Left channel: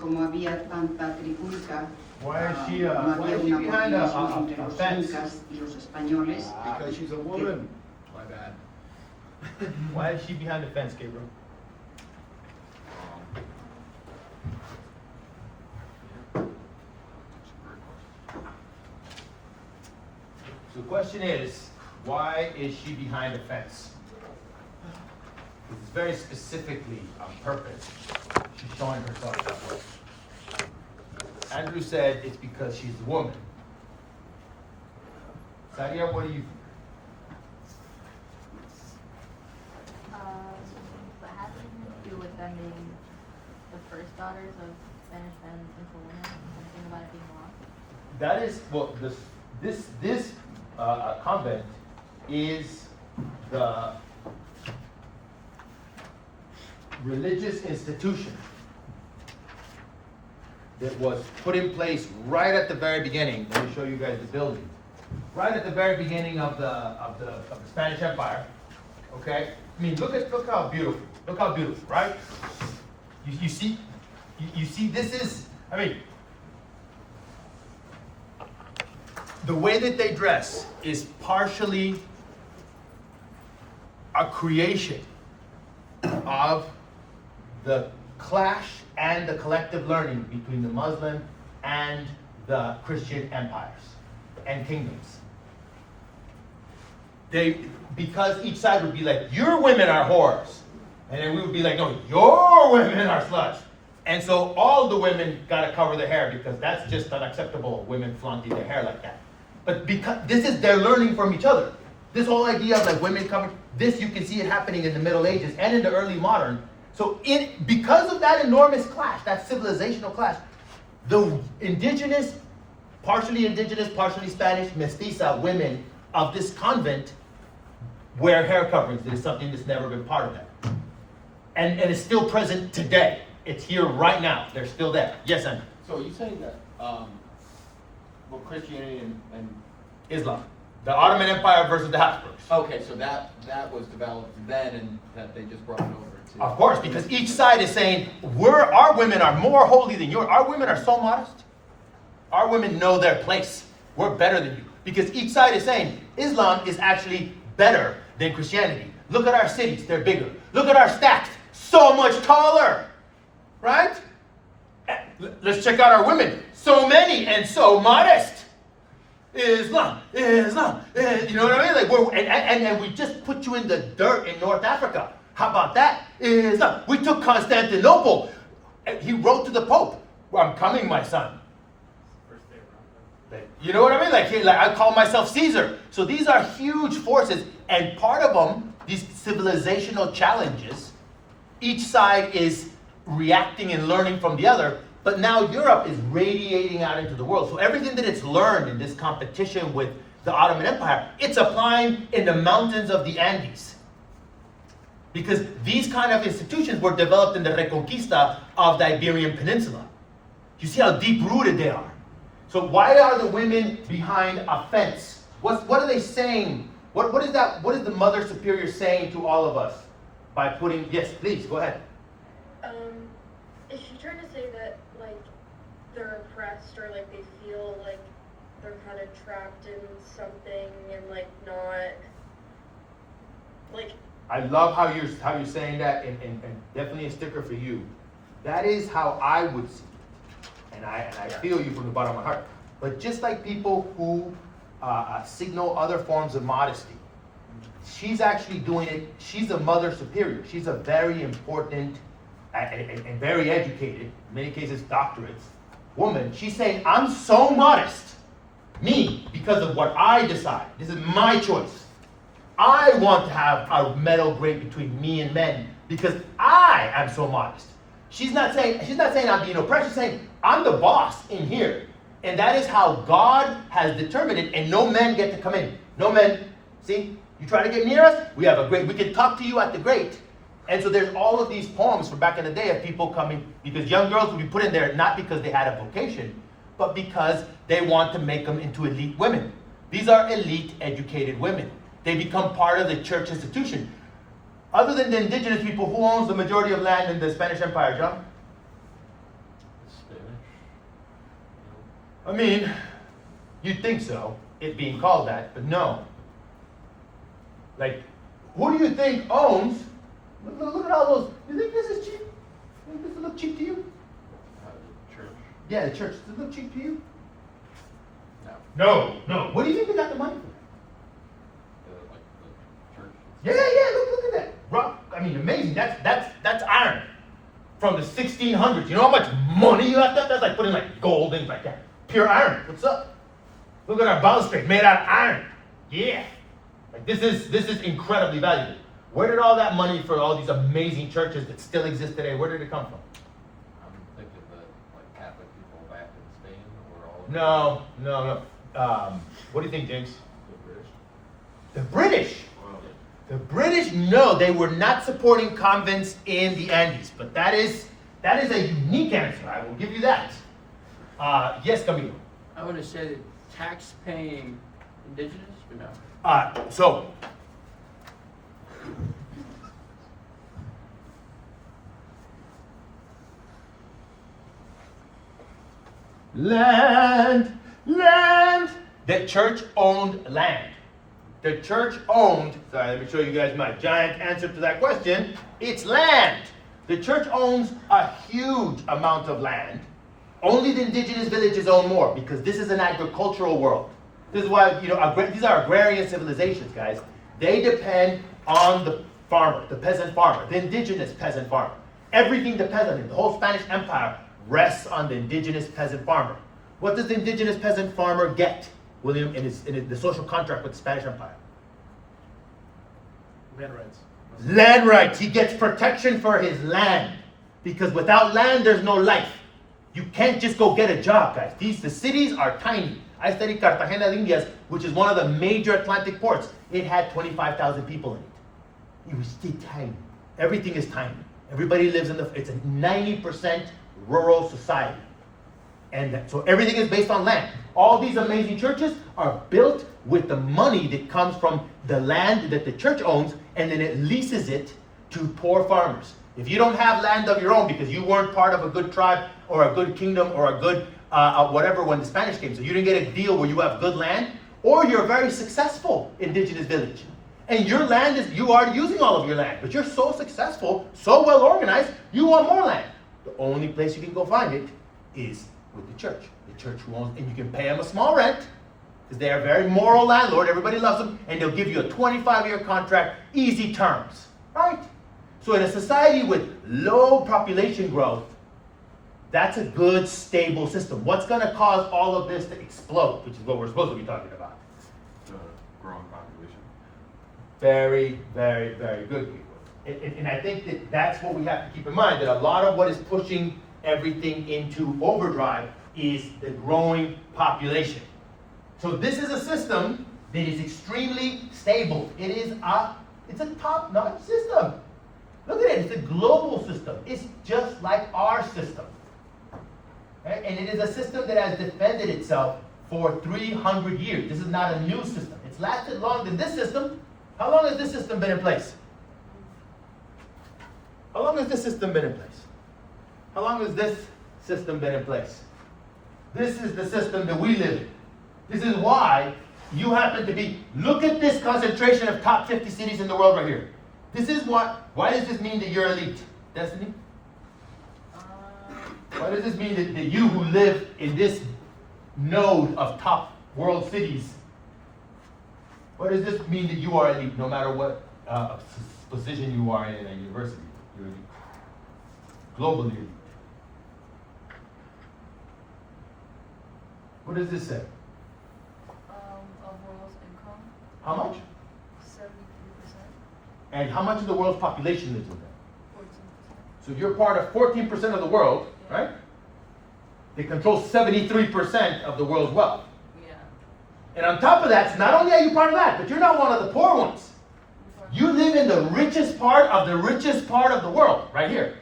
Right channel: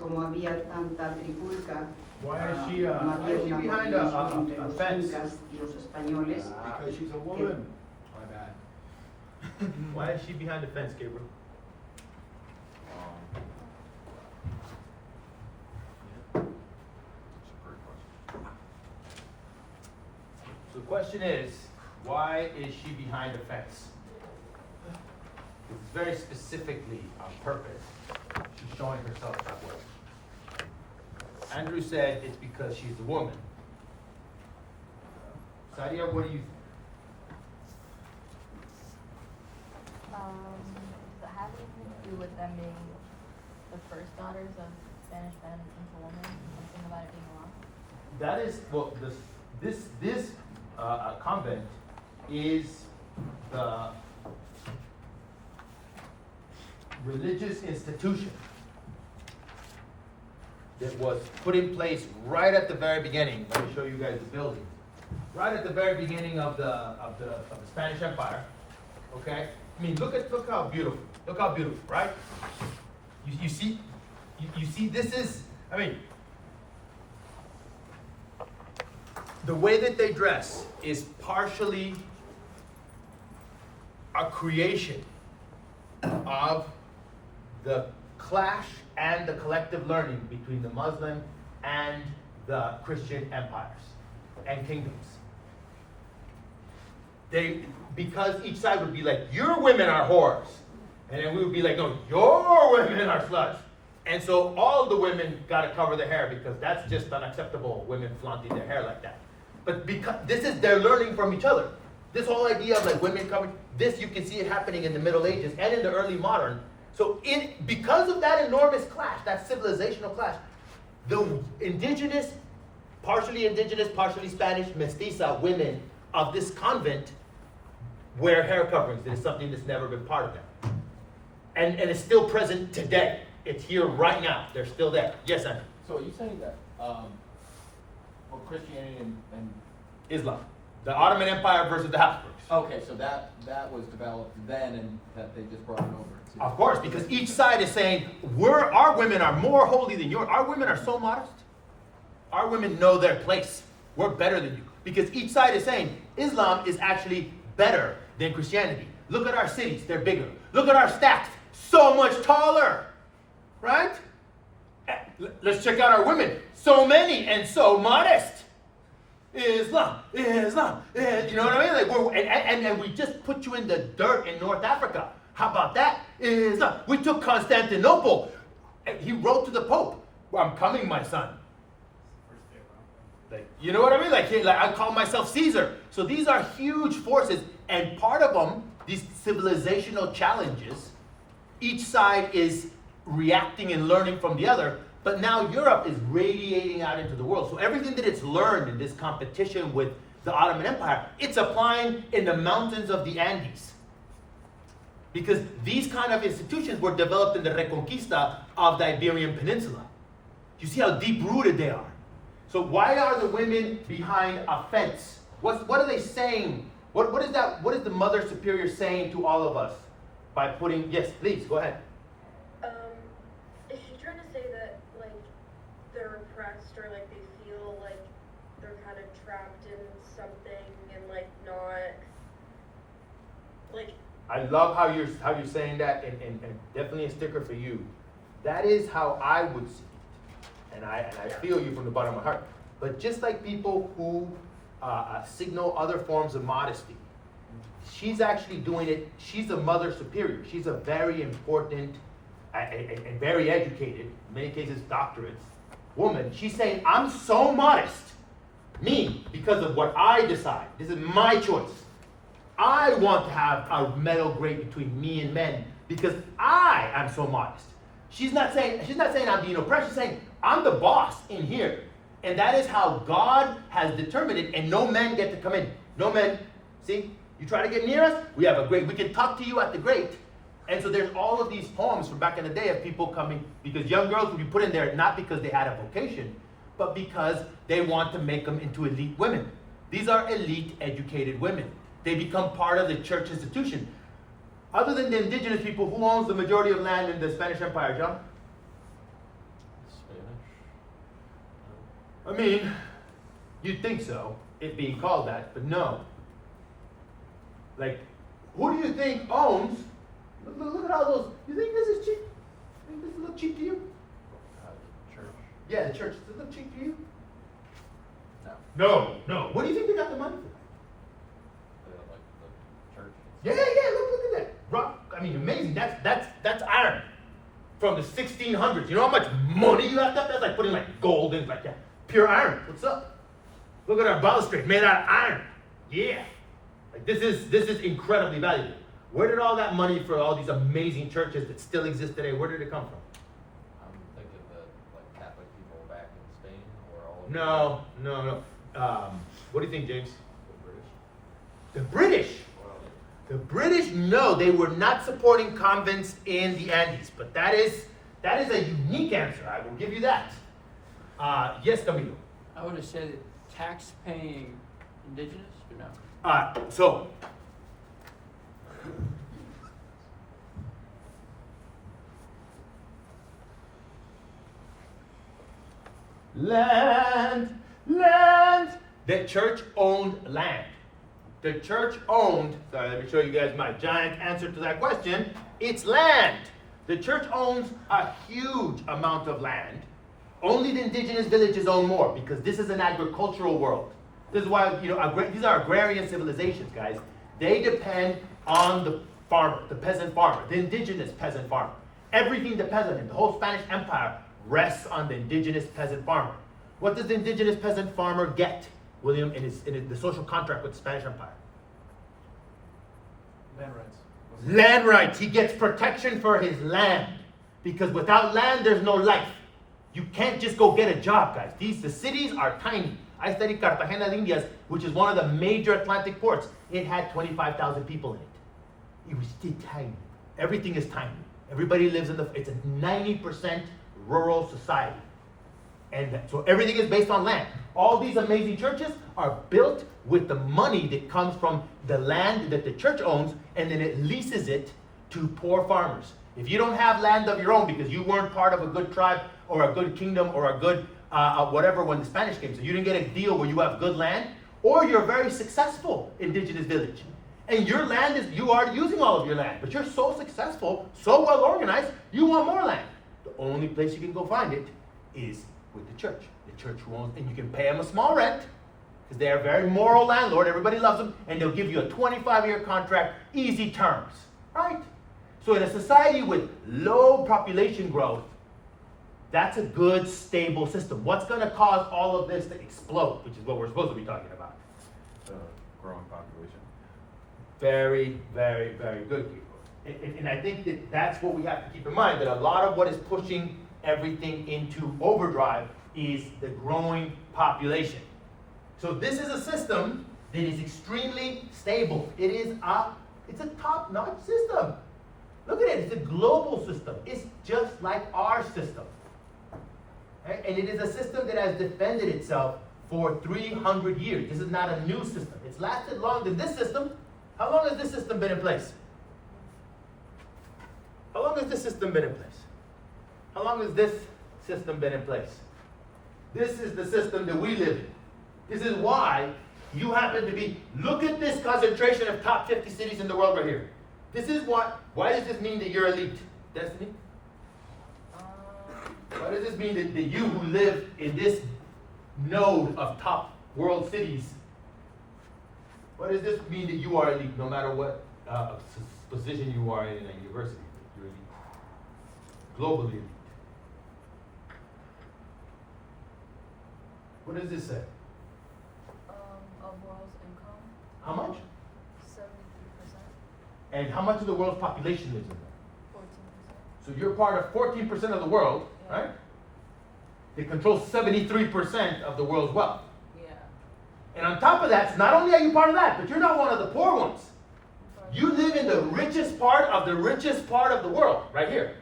como había tanta trifulca, Why is she, no why había is she una behind coordinación a entre los fence? incas y los españoles. Because she's a woman. My bad. Why is she behind the fence, Gabriel? So the question is, why is she behind the fence? It's very specifically on purpose. She's showing herself that way. Andrew said it's because she's a woman. Sadia, what do you think? That has anything to do with them being the first daughters of Spanish men into women, and think about it being wrong? That is, well, this convent is the religious institution that was put in place right at the very beginning. Let me show you guys the building. Right at the very beginning of the Spanish Empire. Okay? I mean, look how beautiful. Look how beautiful, right? You see this is, I mean, the way that they dress is partially a creation of the clash and the collective learning between the Muslim and the Christian empires and kingdoms. Because each side would be like, your women are whores. And then we would be like, no, your women are sluts. And so all the women got to cover their hair because that's just unacceptable, women flaunting their hair like that. But because they're learning from each other. This whole idea of like women covering, this you can see it happening in the Middle Ages and in the early modern. So because of that enormous clash, that civilizational clash, the indigenous, partially Spanish, mestiza women of this convent wear hair coverings. It is something that's never been part of that. And it's still present today. It's here right now. They're still there. Yes, Andrew? So are you saying that, well, Christianity and Islam. The Ottoman Empire versus the Habsburgs. okay, so that was developed then and that they just brought it over to. Of course, because each side is saying, our women are more holy than yours. Our women are so modest. Our women know their place. We're better than you. Because each side is saying, Islam is actually better than Christianity. Look at our cities, they're bigger. Look at our stacks, so much taller. Right? Let's check out our women. So many and so modest. Islam, you know what I mean? Like and we just put you in the dirt in North Africa. How about that? Islam. We took Constantinople. He wrote to the Pope, "I'm coming, my son." Like, you know what I mean? Like I call myself Caesar. So these are huge forces, and part of them, these civilizational challenges, each side is reacting and learning from the other. But now Europe is radiating out into the world. So everything that it's learned in this competition with the Ottoman Empire, it's applying in the mountains of the Andes. Because these kind of institutions were developed in the Reconquista of the Iberian Peninsula. You see how deep-rooted they are. So why are the women behind a fence? What are they saying? What is that? What is the Mother Superior saying to all of us by putting, yes, please, go ahead. Is she trying to say that, like, they're oppressed or, like, they feel like they're kind of trapped in something and, like, not, like... I love how you're saying that, and definitely a sticker for you. That is how I would see it. And I feel you from the bottom of my heart. But just like people who signal other forms of modesty, she's actually doing it. She's a Mother Superior. She's a very important and very educated, in many cases doctorates, woman. She's saying, I'm so modest, me, because of what I decide. This is my choice. I want to have a middle grade between me and men because I am so modest. She's not saying I'm being oppressed. She's saying I'm the boss in here. And that is how God has determined it, and no men get to come in. No men. See, you try to get near us, we have a grate. We can talk to you at the grate. And so there's all of these poems from back in the day of people coming, because young girls would be put in there not because they had a vocation, but because they want to make them into elite women. These are elite, educated women. They become part of the church institution. Other than the indigenous people, who owns the majority of land in the Spanish Empire, John? I mean, you'd think so, it being called that, but no. Like, who do you think owns? Look at all those. You think this is cheap? You think this look cheap to you? Church. Yeah, the church. Does it look cheap to you? No. No. What do you think they got the money for? Like the church. Yeah. Look at that. Rock. I mean, amazing. That's iron from the 1600s. You know how much money you have to have? That's like putting like gold in like that. Pure iron. What's up? Look at our balustrade made out of iron. Yeah. Like this is incredibly valuable. Where did all that money for all these amazing churches that still exist today? Where did it come from? I'm thinking of the like Catholic people back in Spain or all over. No. What do you think, James? The British. The British, no, they were not supporting convents in the Andes, but that is a unique answer. I will give you that. Yes, Camilo. I would have said tax-paying indigenous, or no? So land. The church owned land. The church owned, sorry, let me show you guys my giant answer to that question. It's land. The church owns a huge amount of land. Only the indigenous villages own more because this is an agricultural world. This is why, these are agrarian civilizations, guys. They depend on the farmer, the peasant farmer, the indigenous peasant farmer. Everything depends on him. The whole Spanish Empire rests on the indigenous peasant farmer. What does the indigenous peasant farmer get, William, in the social contract with the Spanish Empire? Land rights. Land rights. He gets protection for his land. Because without land, there's no life. You can't just go get a job, guys. The cities are tiny. I studied Cartagena de Indias, which is one of the major Atlantic ports. It had 25,000 people in it. It was still tiny. Everything is tiny. Everybody lives it's a 90% rural society. And so everything is based on land. All these amazing churches are built with the money that comes from the land that the church owns, and then it leases it to poor farmers. If you don't have land of your own because you weren't part of a good tribe or a good kingdom or a good whatever when the Spanish came, so you didn't get a deal where you have good land, or you're a very successful indigenous village, and your land you are using all of your land, but you're so successful, so well organized, you want more land. The only place you can go find it is with the church who owns, and you can pay them a small rent because they are a very moral landlord. Everybody loves them, and they'll give you a 25-year contract, easy terms, right? So in a society with low population growth, that's a good, stable system. What's going to cause all of this to explode, which is what we're supposed to be talking about? The growing population. Very, very, very good, people. And I think that's what we have to keep in mind, that a lot of what is pushing everything into overdrive is the growing population. So this is a system that is extremely stable. It's a top-notch system. Look at it, it's a global system. It's just like our system. Right? And it is a system that has defended itself for 300 years. This is not a new system. It's lasted longer than this system. How long has this system been in place? How long has this system been in place? How long has this system been in place? This is the system that we live in. This is why you happen to be, look at this concentration of top 50 cities in the world right here. This is why does this mean that you're elite? Destiny? Why does this mean that you who live in this node of top world cities, why does this mean that you are elite no matter what position you are in a university? You're elite. Globally elite. What does this say? Of world's income, How much? 73%, And how much of the world's population lives in there? 14%. So you're part of 14% of the world, right? They control 73% of the world's wealth. Yeah. And on top of that, not only are you part of that, but you're not one of the poor ones. You live in the richest part of the world, right here.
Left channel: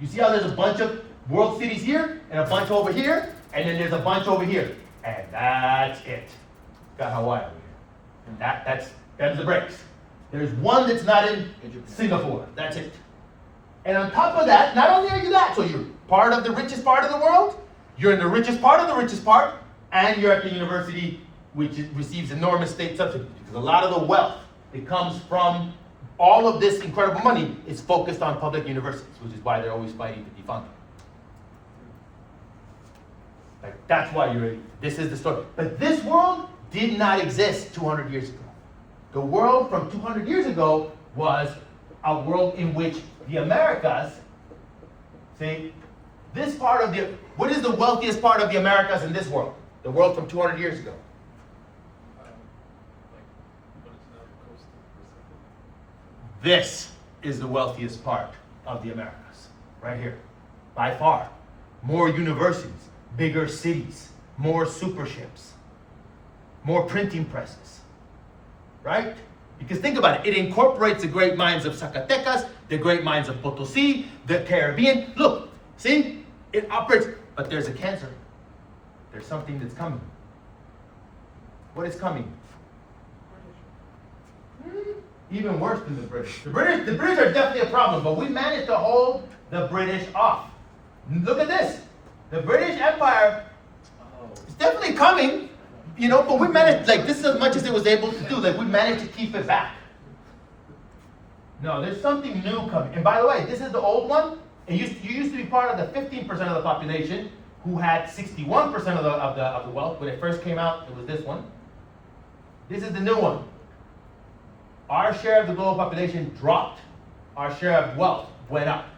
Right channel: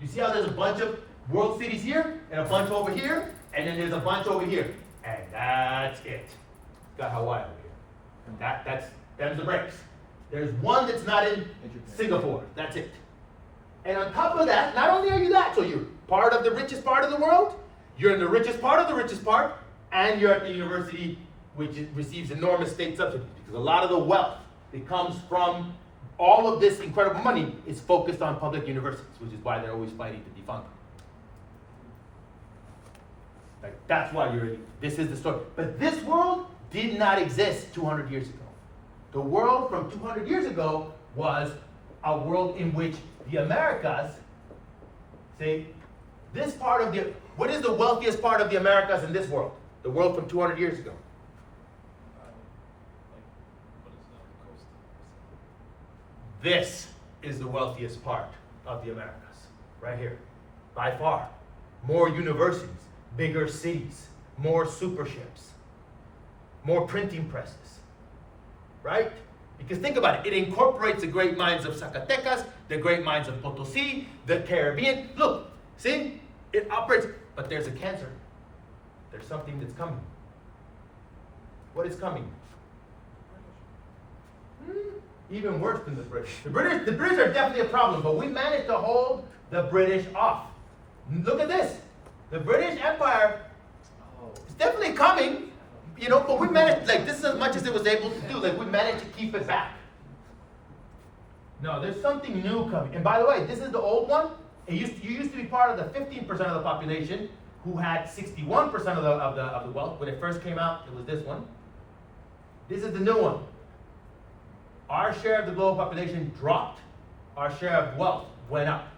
You see how there's a bunch of world cities here, and a bunch over here, and then there's a bunch over here. And that's it. Got Hawaii over here. Them's the breaks. There's one that's not in Singapore. That's it. And on top of that, not only are you that, so you're part of the richest part of the world, you're in the richest part of the richest part, and you're at the university, which receives enormous state subsidies, because a lot of the wealth that comes from all of this incredible money is focused on public universities, which is why they're always fighting to defund them. Like, that's why this is the story. But this world did not exist 200 years ago. The world from 200 years ago was a world in which the Americas, see, this part of what is the wealthiest part of the Americas in this world? The world from 200 years ago. This is the wealthiest part of the Americas, right here, by far. More universities, bigger cities, more super ships, more printing presses, right? Because think about it, it incorporates the great minds of Zacatecas, the great minds of Potosí, the Caribbean. Look, see, it operates, but there's a cancer. There's something that's coming. What is coming? Even worse than the British. The British are definitely a problem, but we managed to hold the British off. Look at this. The British Empire is definitely coming, but we managed, this is as much as it was able to do. We managed to keep it back. No, there's something new coming. And by the way, this is the old one. You used to be part of the 15% of the population who had 61% of the wealth. When it first came out, it was this one. This is the new one. Our share of the global population dropped. Our share of wealth went up.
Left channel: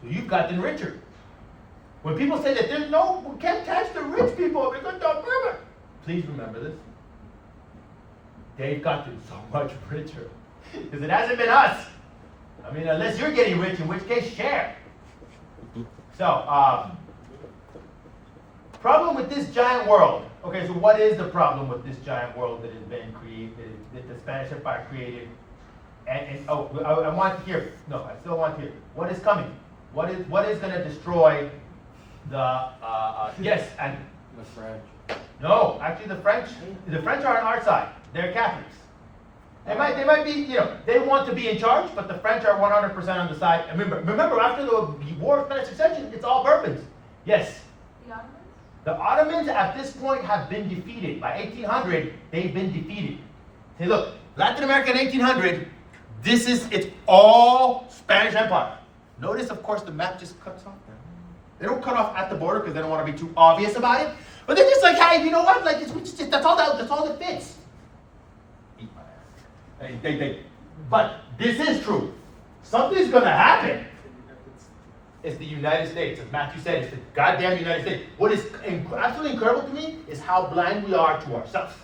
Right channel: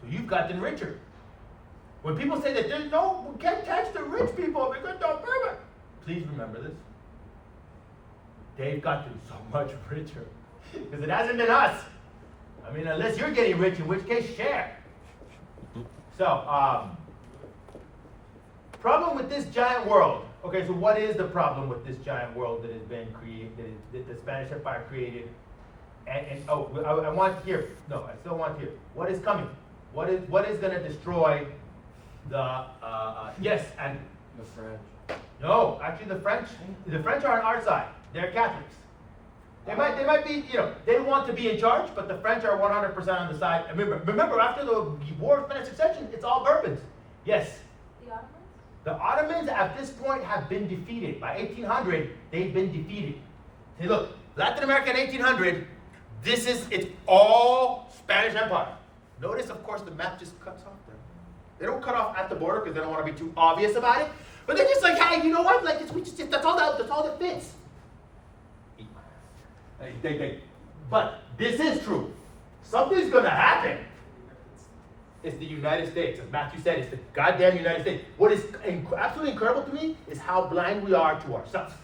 So you've gotten richer. When people say that we can't tax the rich people because they're perfect, please remember this. They've gotten so much richer. Because it hasn't been us. I mean, unless you're getting rich, in which case, share. So, problem with this giant world. Okay, so what is the problem with this giant world that has been created, that the Spanish Empire created? I want to hear, no, I still want to hear. What is coming? What is going to destroy the, yes, and The French. no, actually the French are on our side. They're Catholics. They might be, they want to be in charge, but the French are 100% on the side. And remember, after the War of Spanish Succession, it's all Bourbons. Yes. The Ottomans? The Ottomans at this point have been defeated. By 1800, they've been defeated. See, look, Latin America in 1800, it's all Spanish Empire. Notice, of course, the map just cuts off there. They don't cut off at the border because they don't want to be too obvious about it. But they're just like, hey, you know what? That's all that fits. Eat my ass. But this is true. Something's going to happen. It's the United States. As Matthew said, it's the goddamn United States. What is absolutely incredible to me is how blind we are to ourselves.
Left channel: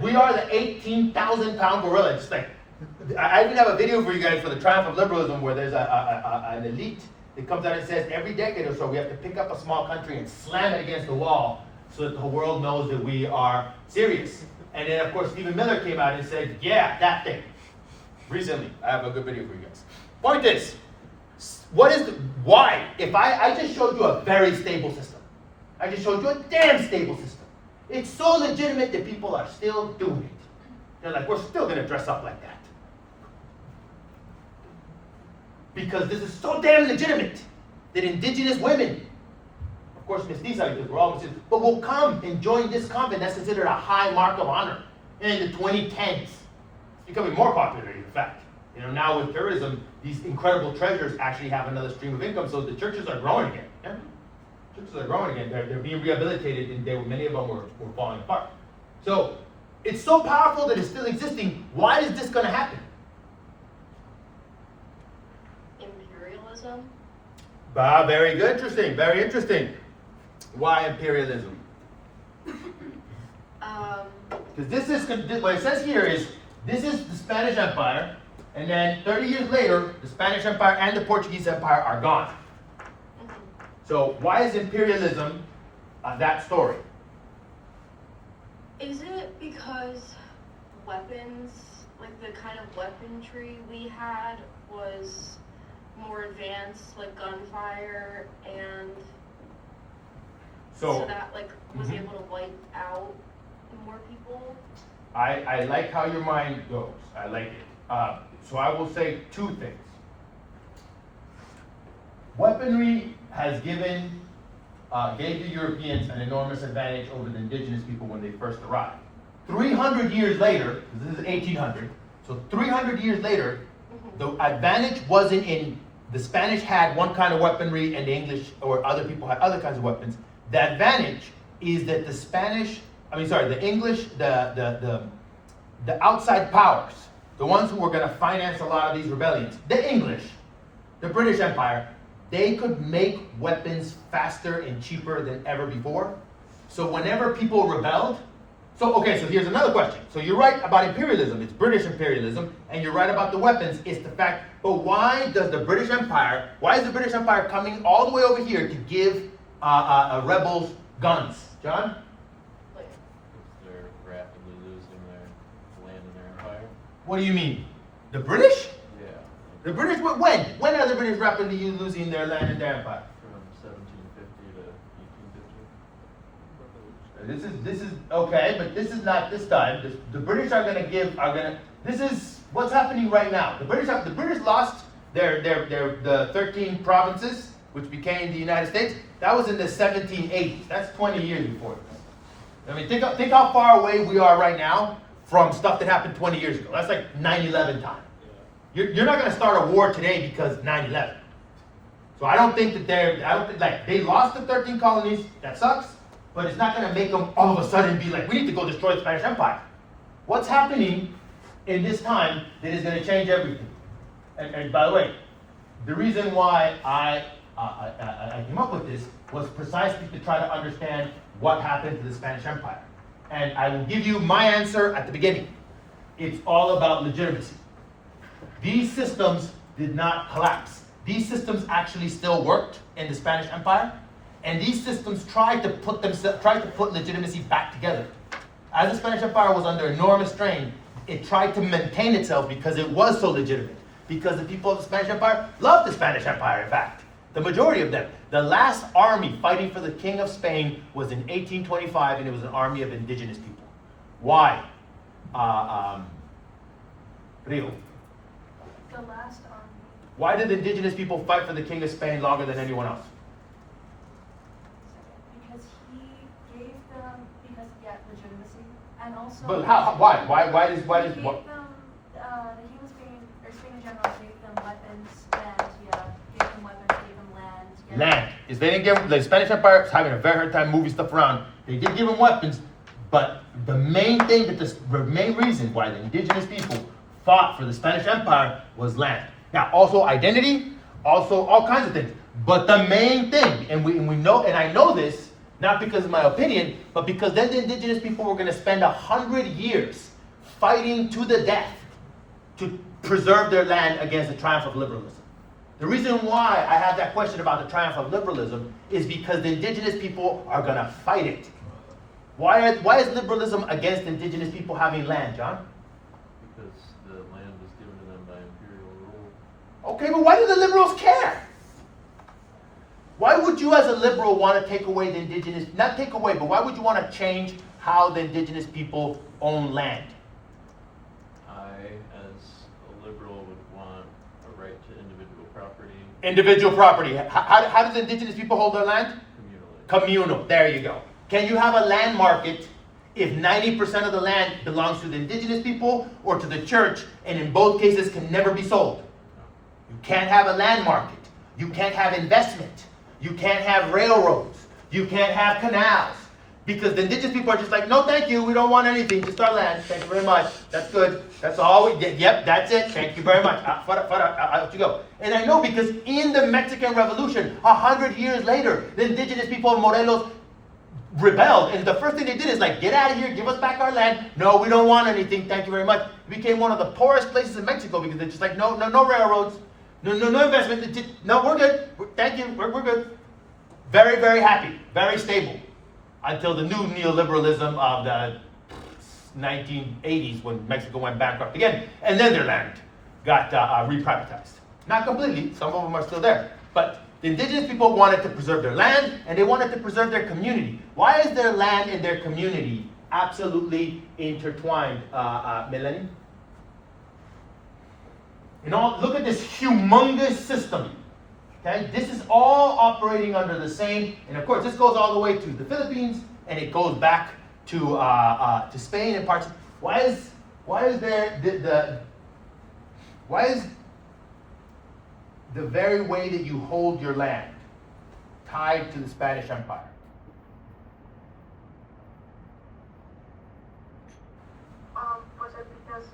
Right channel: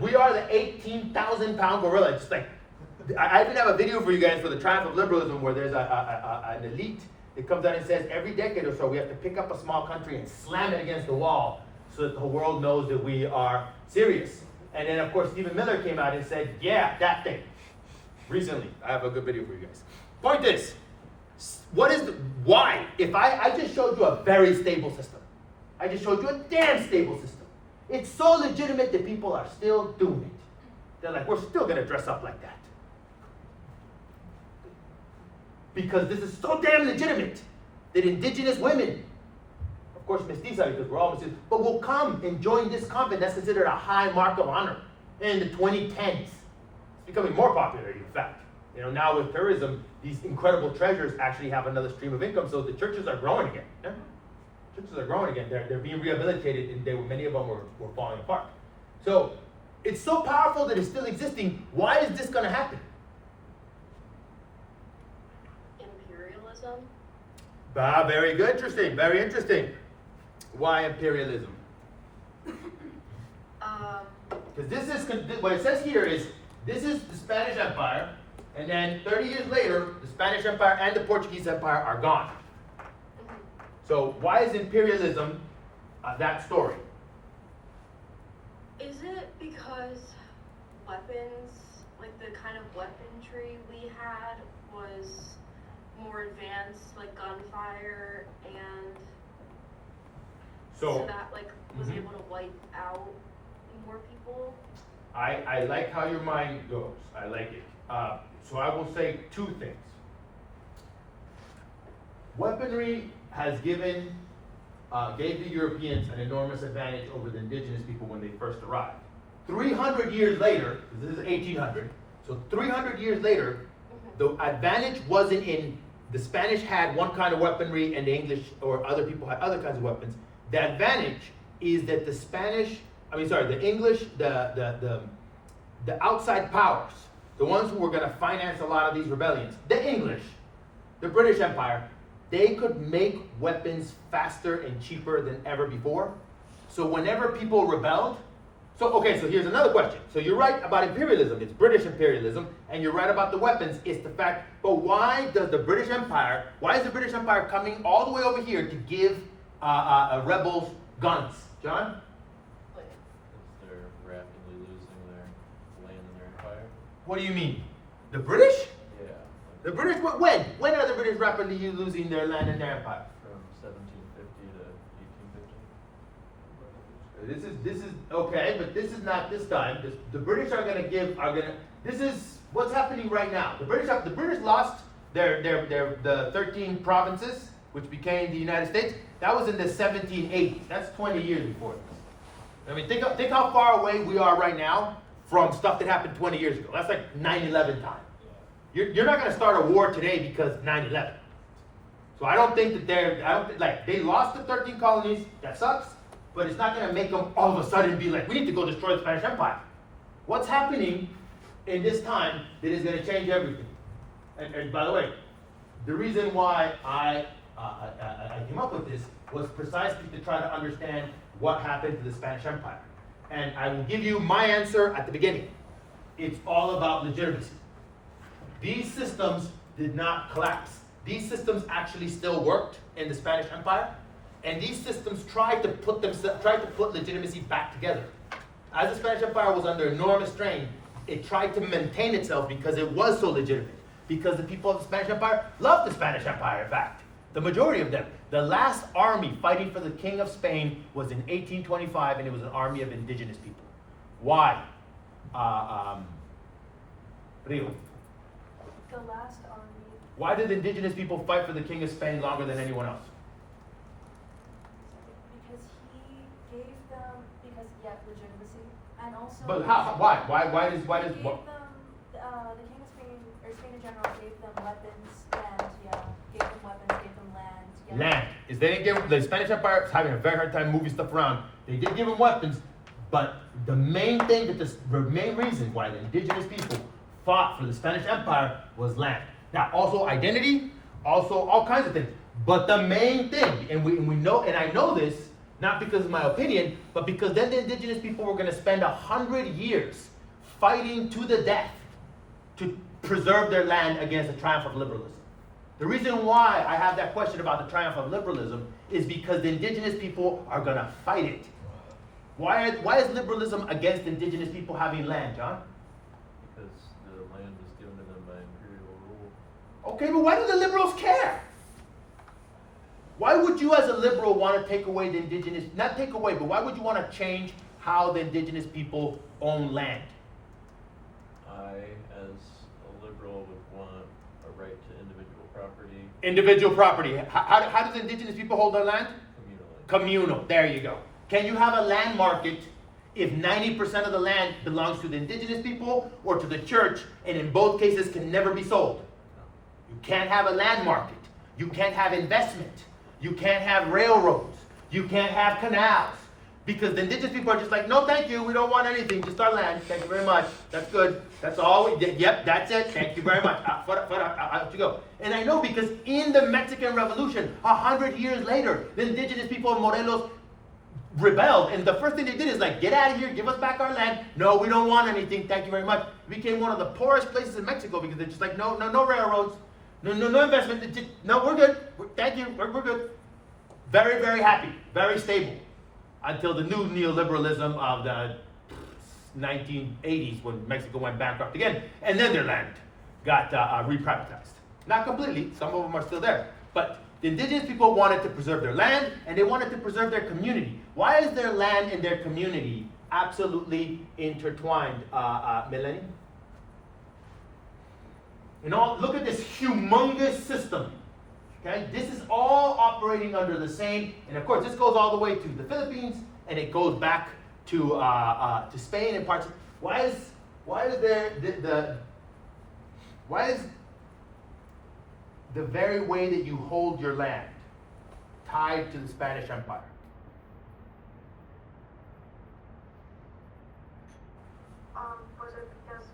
We are the 18,000-pound gorilla. It's I even have a video for you guys for the triumph of liberalism where there's an elite that comes out and says every decade or so we have to pick up a small country and slam it against the wall so that the world knows that we are serious. And then, of course, Stephen Miller came out and said, yeah, that thing. Recently. I have a good video for you guys. Point is, why? If I just showed you a very stable system. I just showed you a damn stable system. It's so legitimate that people are still doing it. They're like, we're still going to dress up like that. Because this is so damn legitimate that indigenous women, of course mestiza because we're all mestiza, but will come and join this convent that's considered a high mark of honor in the 2010s. It's becoming more popular, in fact. Now with tourism, these incredible treasures actually have another stream of income, so the churches are growing again. Yeah? Churches are growing again. They're being rehabilitated, and many of them were falling apart. So it's so powerful that it's still existing. Why is this going to happen? Imperialism. Very good, interesting. Very interesting. Why imperialism? Because this is what it says here is this is the Spanish Empire. And then 30 years later, the Spanish Empire and the Portuguese Empire are gone. So why is imperialism that story? Is it because weapons, the kind of weaponry we had was more advanced, like gunfire, and so that was able to wipe out more people? I like how your mind goes. I like it. So I will say two things. Weaponry has given gave the Europeans an enormous advantage over the indigenous people when they first arrived. 300 years later, this is 1800, so 300 years later, the advantage wasn't in the Spanish had one kind of weaponry and the English or other people had other kinds of weapons. The advantage is that the English, the outside powers, the ones who were going to finance a lot of these rebellions, the English, the British Empire, they could make weapons faster and cheaper than ever before. So whenever people rebelled, so here's another question. So you're right about imperialism, it's British imperialism, and you're right about the weapons, it's the fact, but why is the British Empire coming all the way over here to give rebels guns? John? Because they're rapidly losing their land and their empire. What do you mean? The British? Yeah. The British, when? When are the British rapidly losing their land and their empire? From 1750 to 1850. This is okay, but this is not this time. The British this is what's happening right now. The British lost the 13 provinces, which became the United States. That was in the 1780s. That's 20 years before this. I mean, think how far away we are right now from stuff that happened 20 years ago. That's like 9/11 time. You're not going to start a war today because 9/11. So I don't think they lost the 13 colonies. That sucks. But it's not going to make them all of a sudden be like, we need to go destroy the Spanish Empire. What's happening in this time that is going to change everything? And by the way, the reason why I came up with this was precisely to try to understand what happened to the Spanish Empire. And I will give you my answer at the beginning. It's all about legitimacy. These systems did not collapse. These systems actually still worked in the Spanish Empire. And these systems tried to put legitimacy back together. As the Spanish Empire was under enormous strain, it tried to maintain itself because it was so legitimate. Because the people of the Spanish Empire loved the Spanish Empire, in fact. The majority of them. The last army fighting for the King of Spain was in 1825, and it was an army of indigenous people. Why? Rio. The last army. Why did indigenous people fight for the King of Spain longer than anyone else? Because he gave them, legitimacy, and also. But how? Why? Why does? He gave them, the King of Spain, or Spain in general, gave them weapons, and gave them land. Land. Is they didn't give the Spanish Empire is having a very hard time moving stuff around. They did give them weapons, but the main thing the main reason why the indigenous people fought for the Spanish Empire was land. Now, also identity, also all kinds of things. But the main thing, and we know, and I know this, not because of my opinion, but because then the indigenous people were going to spend 100 years fighting to the death to preserve their land against the triumph of liberalism. The reason why I have that question about the triumph of liberalism is because the indigenous people are going to fight it. Why is liberalism against indigenous people having land, John? Because the land was given to them by imperial rule. Okay, but why do the liberals care? Why would you as a liberal want to take away the indigenous, not take away, but why would you want to change how the indigenous people own land? I, as a liberal, would want a right to individual property Individual property. How do the indigenous people hold their land? communally. Communal, there you go. Can you have a land market if 90% of the land belongs to the indigenous people or to the church, and in both cases can never be sold? You can't have a land market. You can't have investment. You can't have railroads. You can't have canals. Because the indigenous people are just like, no thank you, we don't want anything, just our land, thank you very much, that's good, that's all we did, yep, that's it, thank you very much, out you go. And I know because in the Mexican Revolution, 100 years later, the indigenous people of Morelos rebelled, and the first thing they did is like, get out of here, give us back our land, no, we don't want anything, thank you very much. It became one of the poorest places in Mexico because they're just like, no railroads, no investment, no, we're good, thank you, we're good. Very, very happy, very stable. Until the new neoliberalism of the 1980s when Mexico went bankrupt again, and then their land got reprivatized. Not completely, some of them are still there. But the indigenous people wanted to preserve their land, and they wanted to preserve their community. Why is their land and their community absolutely intertwined, Melanie? Look at this humongous system. Okay, this is all operating under the same, and of course, this goes all the way to the Philippines, and it goes back to Spain and parts. Why is there why is the very way that you hold your land tied to the Spanish Empire? Was it because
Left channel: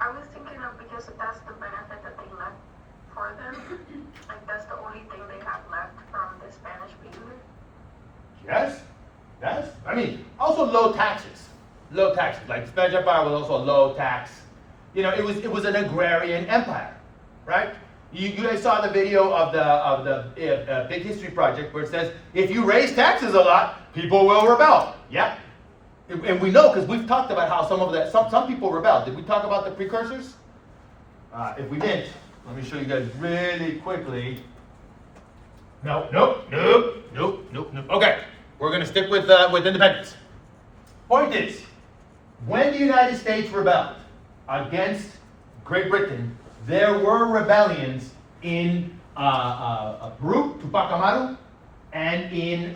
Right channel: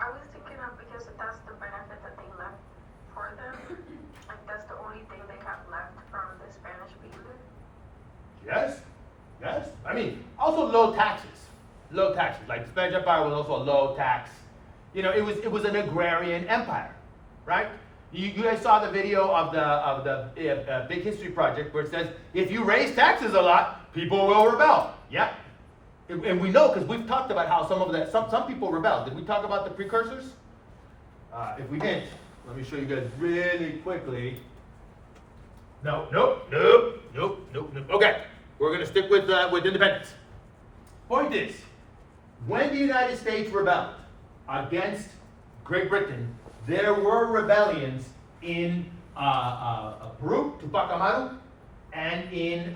I was thinking of because that's the benefit that they left for them. Like that's the only thing they have left from the Spanish period. Yes, yes. I mean, also low taxes. Low taxes. Like the Spanish Empire was also a low tax. You know, it was an agrarian empire, right? You guys saw the video of the Big History Project where it says if you raise taxes a lot, people will rebel. Yeah, and we know because we've talked about how some people rebelled. Did we talk about the precursors? If we didn't, let me show you guys really quickly. No. Okay, we're gonna stick with independence. Point is, when the United States rebelled against Great Britain, there were rebellions in Peru, Tupac Amaru, and in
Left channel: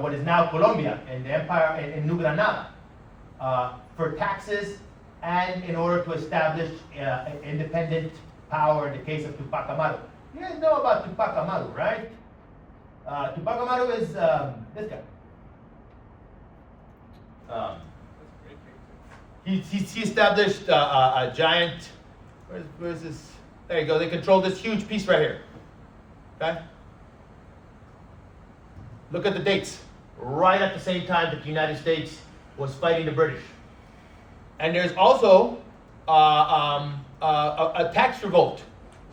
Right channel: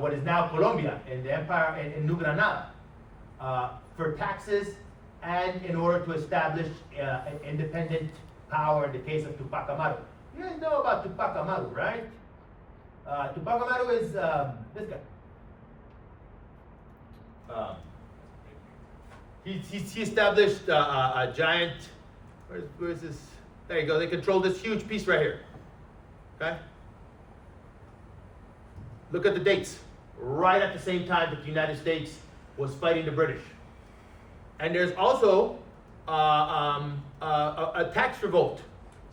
what is now Colombia, in the empire in New Granada, for taxes and in order to establish independent power in the case of Tupac Amaru. You guys know about Tupac Amaru, right? Tupac Amaru is this guy. He established a giant. Where's this? There you go. They control this huge piece right here. Okay. Look at the dates. Right at the same time that the United States was fighting the British. And there's also a tax revolt.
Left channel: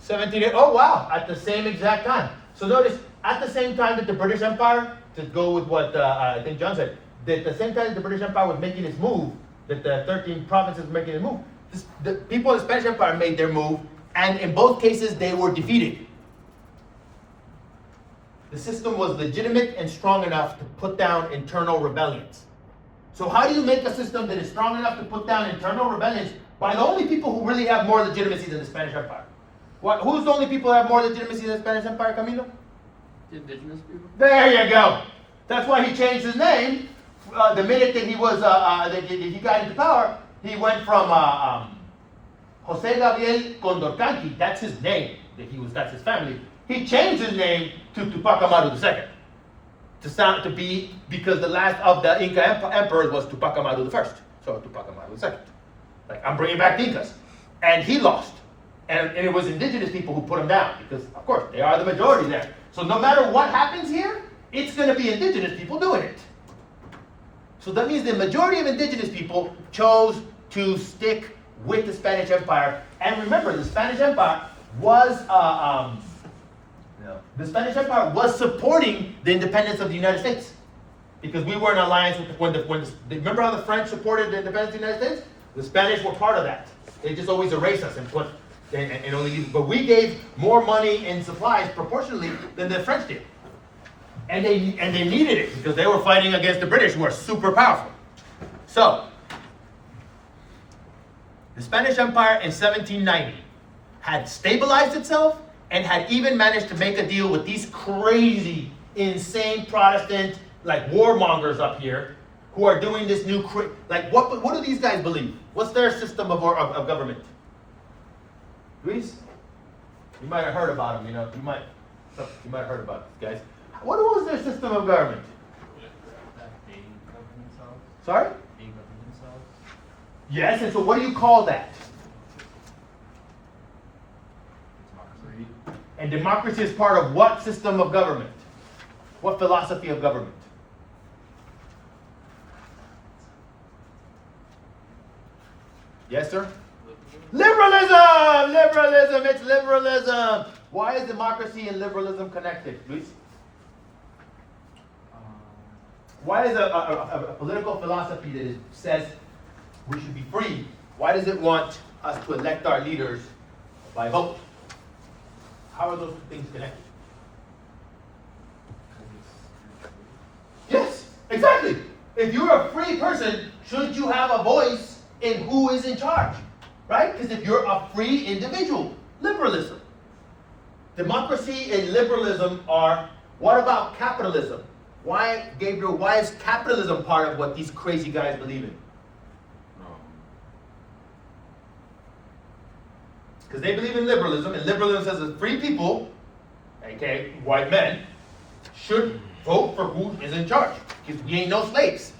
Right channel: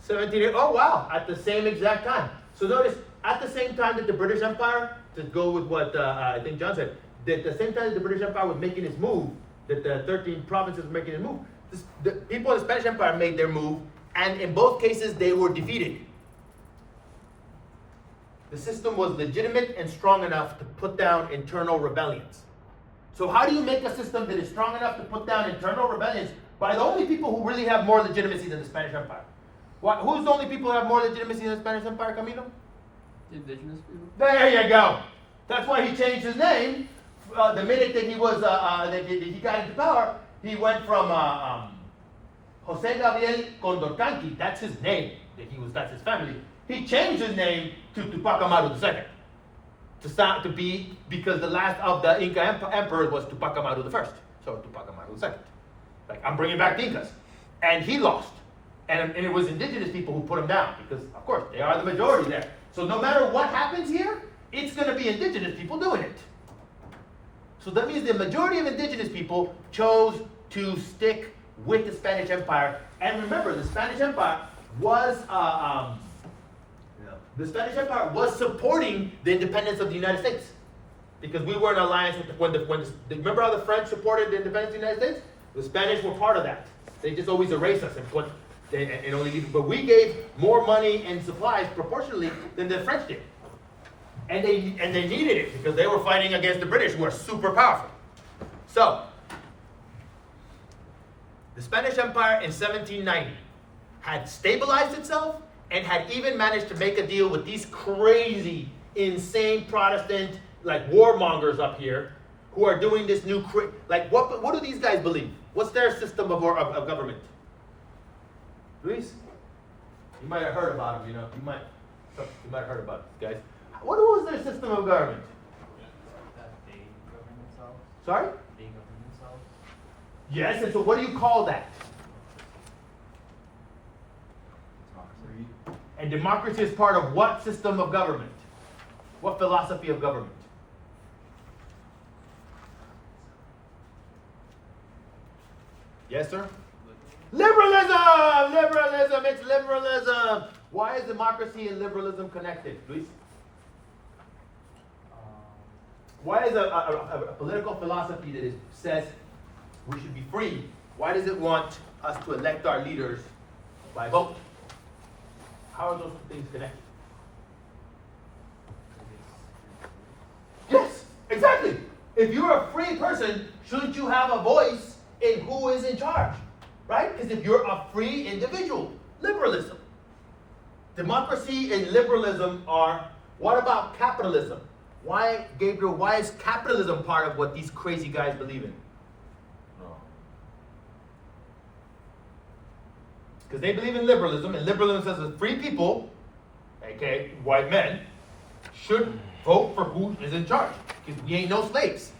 17. Oh wow! At the same exact time. So notice, at the same time that the British Empire, to go with what I think John said, that the same time that the British Empire was making its move, that the 13 provinces were making a move, the people of the Spanish Empire made their move, and in both cases they were defeated. The system was legitimate and strong enough to put down internal rebellions. So how do you make a system that is strong enough to put down internal rebellions by the only people who really have more legitimacy than the Spanish Empire? Who's the only people who have more legitimacy than the Spanish Empire, Camilo? The indigenous people? There you go. That's why he changed his name. The minute that he was that he got into power, he went from Jose Gabriel Condorcanqui. That's his name. That's his family. He changed his name to Tupac Amaru II to be because the last of the Inca emperors was Tupac Amaru I. So Tupac Amaru II. Like I'm bringing back the Incas, and he lost, and it was indigenous people who put him down because of course they are the majority there. So no matter what happens here, it's going to be indigenous people doing it. So that means the majority of indigenous people chose to stick with the Spanish Empire. And remember, the Spanish Empire was supporting the independence of the United States because we were in alliance with remember how the French supported the independence of the United States? The Spanish were part of that. They just always erase us and put and only. But we gave more money and supplies proportionally than the French did. And they needed it because they were fighting against the British, who are super powerful. So, the Spanish Empire in 1790 had stabilized itself and had even managed to make a deal with these crazy, insane Protestant, like warmongers up here, who are doing this new, what do these guys believe? What's their system of government? Luis? You might have heard about them, you might have heard about these guys. What was their system of government? Sorry? Yes, and so what do you call that? Democracy. And democracy is part of what system of government? What philosophy of government? Yes, sir? Liberalism! Liberalism! It's liberalism! Why is democracy and liberalism connected, Luis? Why is a political philosophy that says we should be free, why does it want us to elect our leaders by vote? How are those two things connected? Yes, exactly. If you're a free person, shouldn't you have a voice in who is in charge? right? Because if you're a free individual, liberalism. Democracy and liberalism are, what about capitalism? Why, Gabriel, why is capitalism part of what these crazy guys believe in? No. Because they believe in liberalism, and liberalism says that free people, aka white men, should vote for who is in charge. Because we ain't no slaves.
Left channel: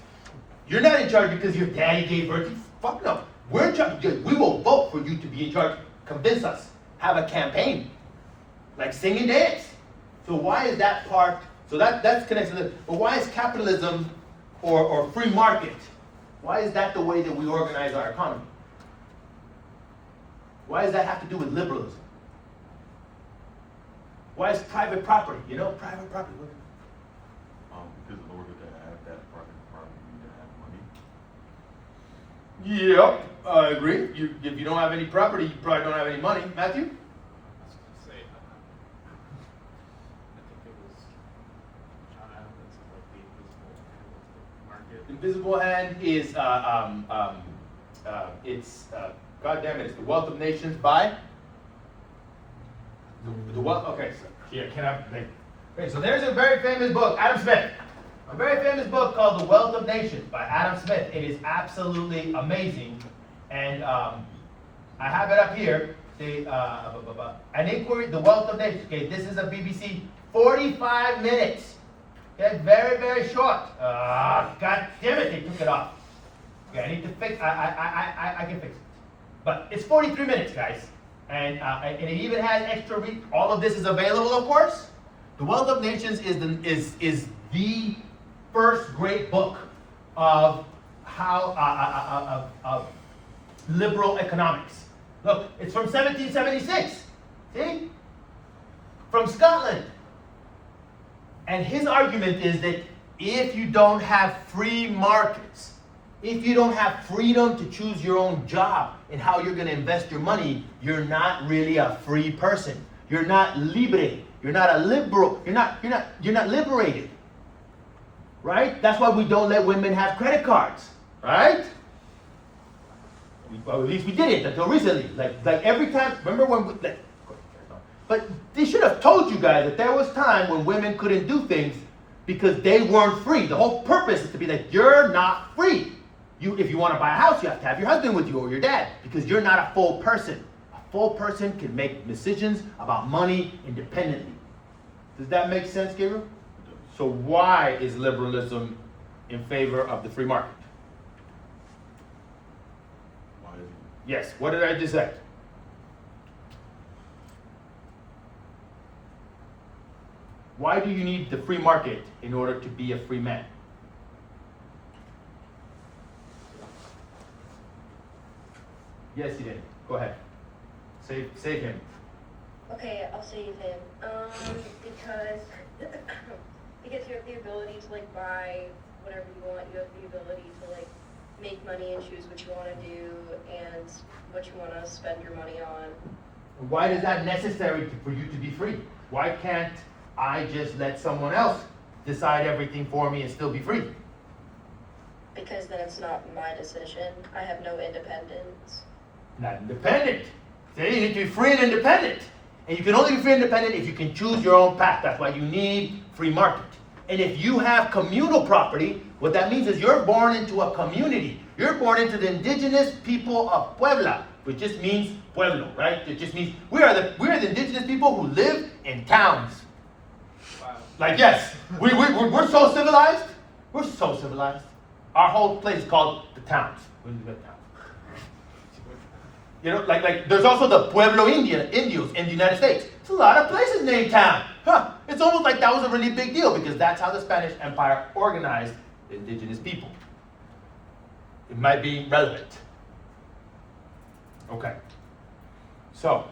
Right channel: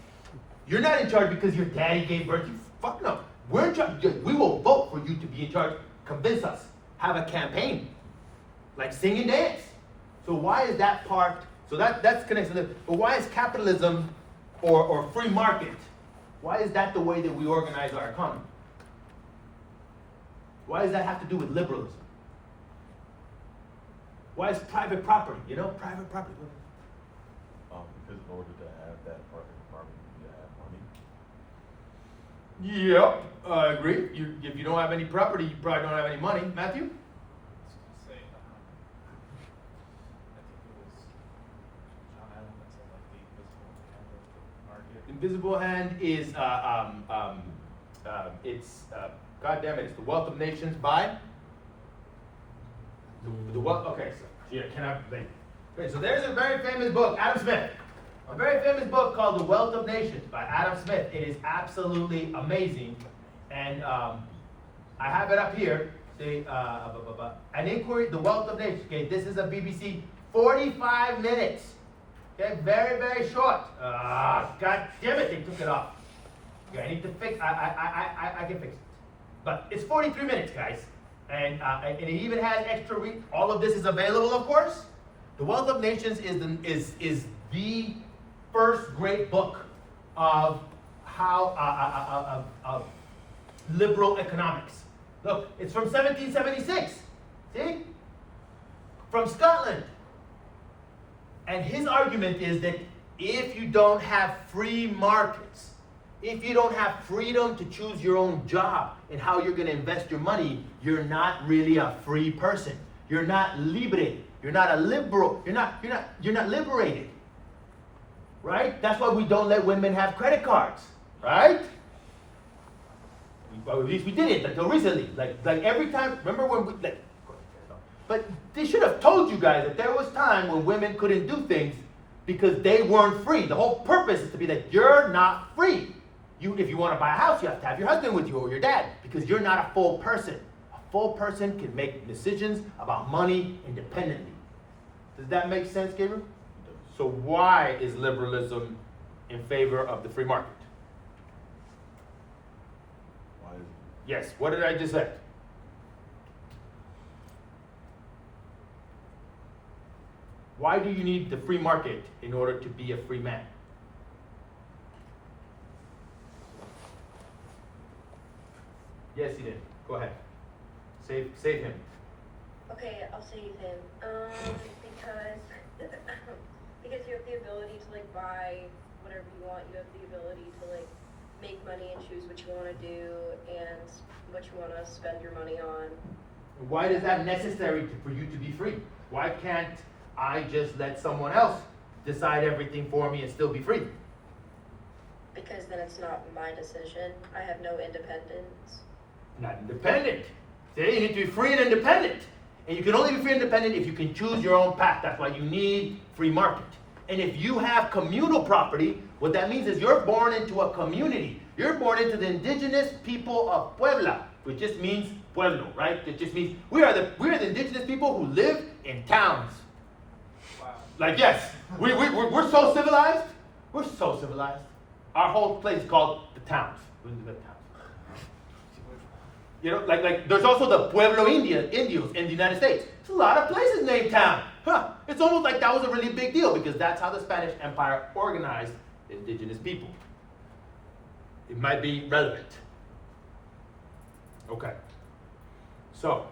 You're not in charge because your daddy gave birth to you. Fuck no. We're in charge. We will vote for you to be in charge. Convince us. Have a campaign. Like sing and dance. So why is that part? So that's connected to this. But why is capitalism or free market, why is that the way that we organize our economy? Why does that have to do with liberalism? Why is private property, private property? Because in order to have that private property, you need to have money. Yep, I agree. If you don't have any property, you probably don't have any money. Matthew? Say that. I think it was John that said like the invisible hand of the market. Invisible Hand is, God damn it, it's The Wealth of Nations by? The Wealth, okay, so, yeah, okay, so there's a very famous book, Adam Smith. A very famous book called The Wealth of Nations by Adam Smith. It is absolutely amazing. And I have it up here. An Inquiry, The Wealth of Nations. Okay, this is a BBC, 45 minutes. Okay, very, very short. God damn it, they took it off. Okay, I need to fix, I can fix it. But it's 43 minutes, guys. And it even has extra read. All of this is available, of course. The Wealth of Nations is the first great book of how of liberal economics. Look, it's from 1776. See? From Scotland. And his argument is that if you don't have free markets, if you don't have freedom to choose your own job and how you're going to invest your money, you're not really a free person. You're not libre. You're not a liberal. You're not liberated. Right? That's why we don't let women have credit cards. Right? Well, at least we did it until recently. Like every time, remember when we, but they should have told you guys that there was time when women couldn't do things because they weren't free. The whole purpose is to be like, you're not free. If you want to buy a house, you have to have your husband with you or your dad because you're not a full person. A full person can make decisions about money independently. Does that make sense, Gabriel? So why is liberalism in favor of the free market? Why is it? Yes, what did I just say? Why do you need the free market in order to be a free man? Yes, you did. Go ahead. Save him. Okay, I'll save him. Because because you have the ability to like buy whatever you want. You have the ability to like make money and choose what you want to do and what you want to spend your money on. Why is that necessary for you to be free? Why can't I just let someone else decide everything for me and still be free? Because then it's not my decision. I have no independence. Not independent. See, you need to be free and independent. And you can only be free and independent if you can choose your own path. That's why you need free market. And if you have communal property, what that means is you're born into a community. You're born into the indigenous people of Puebla, which just means pueblo, right? It just means we are the indigenous people who live in towns. Wow. Like, yes, we're so civilized. We're so civilized. Our whole place is called the towns. We live in towns. You know, like there's also the Pueblo Indios in the United States. There's a lot of places named town. Huh. It's almost like that was a really big deal because that's how the Spanish Empire organized the indigenous people. It might be relevant. Okay. So,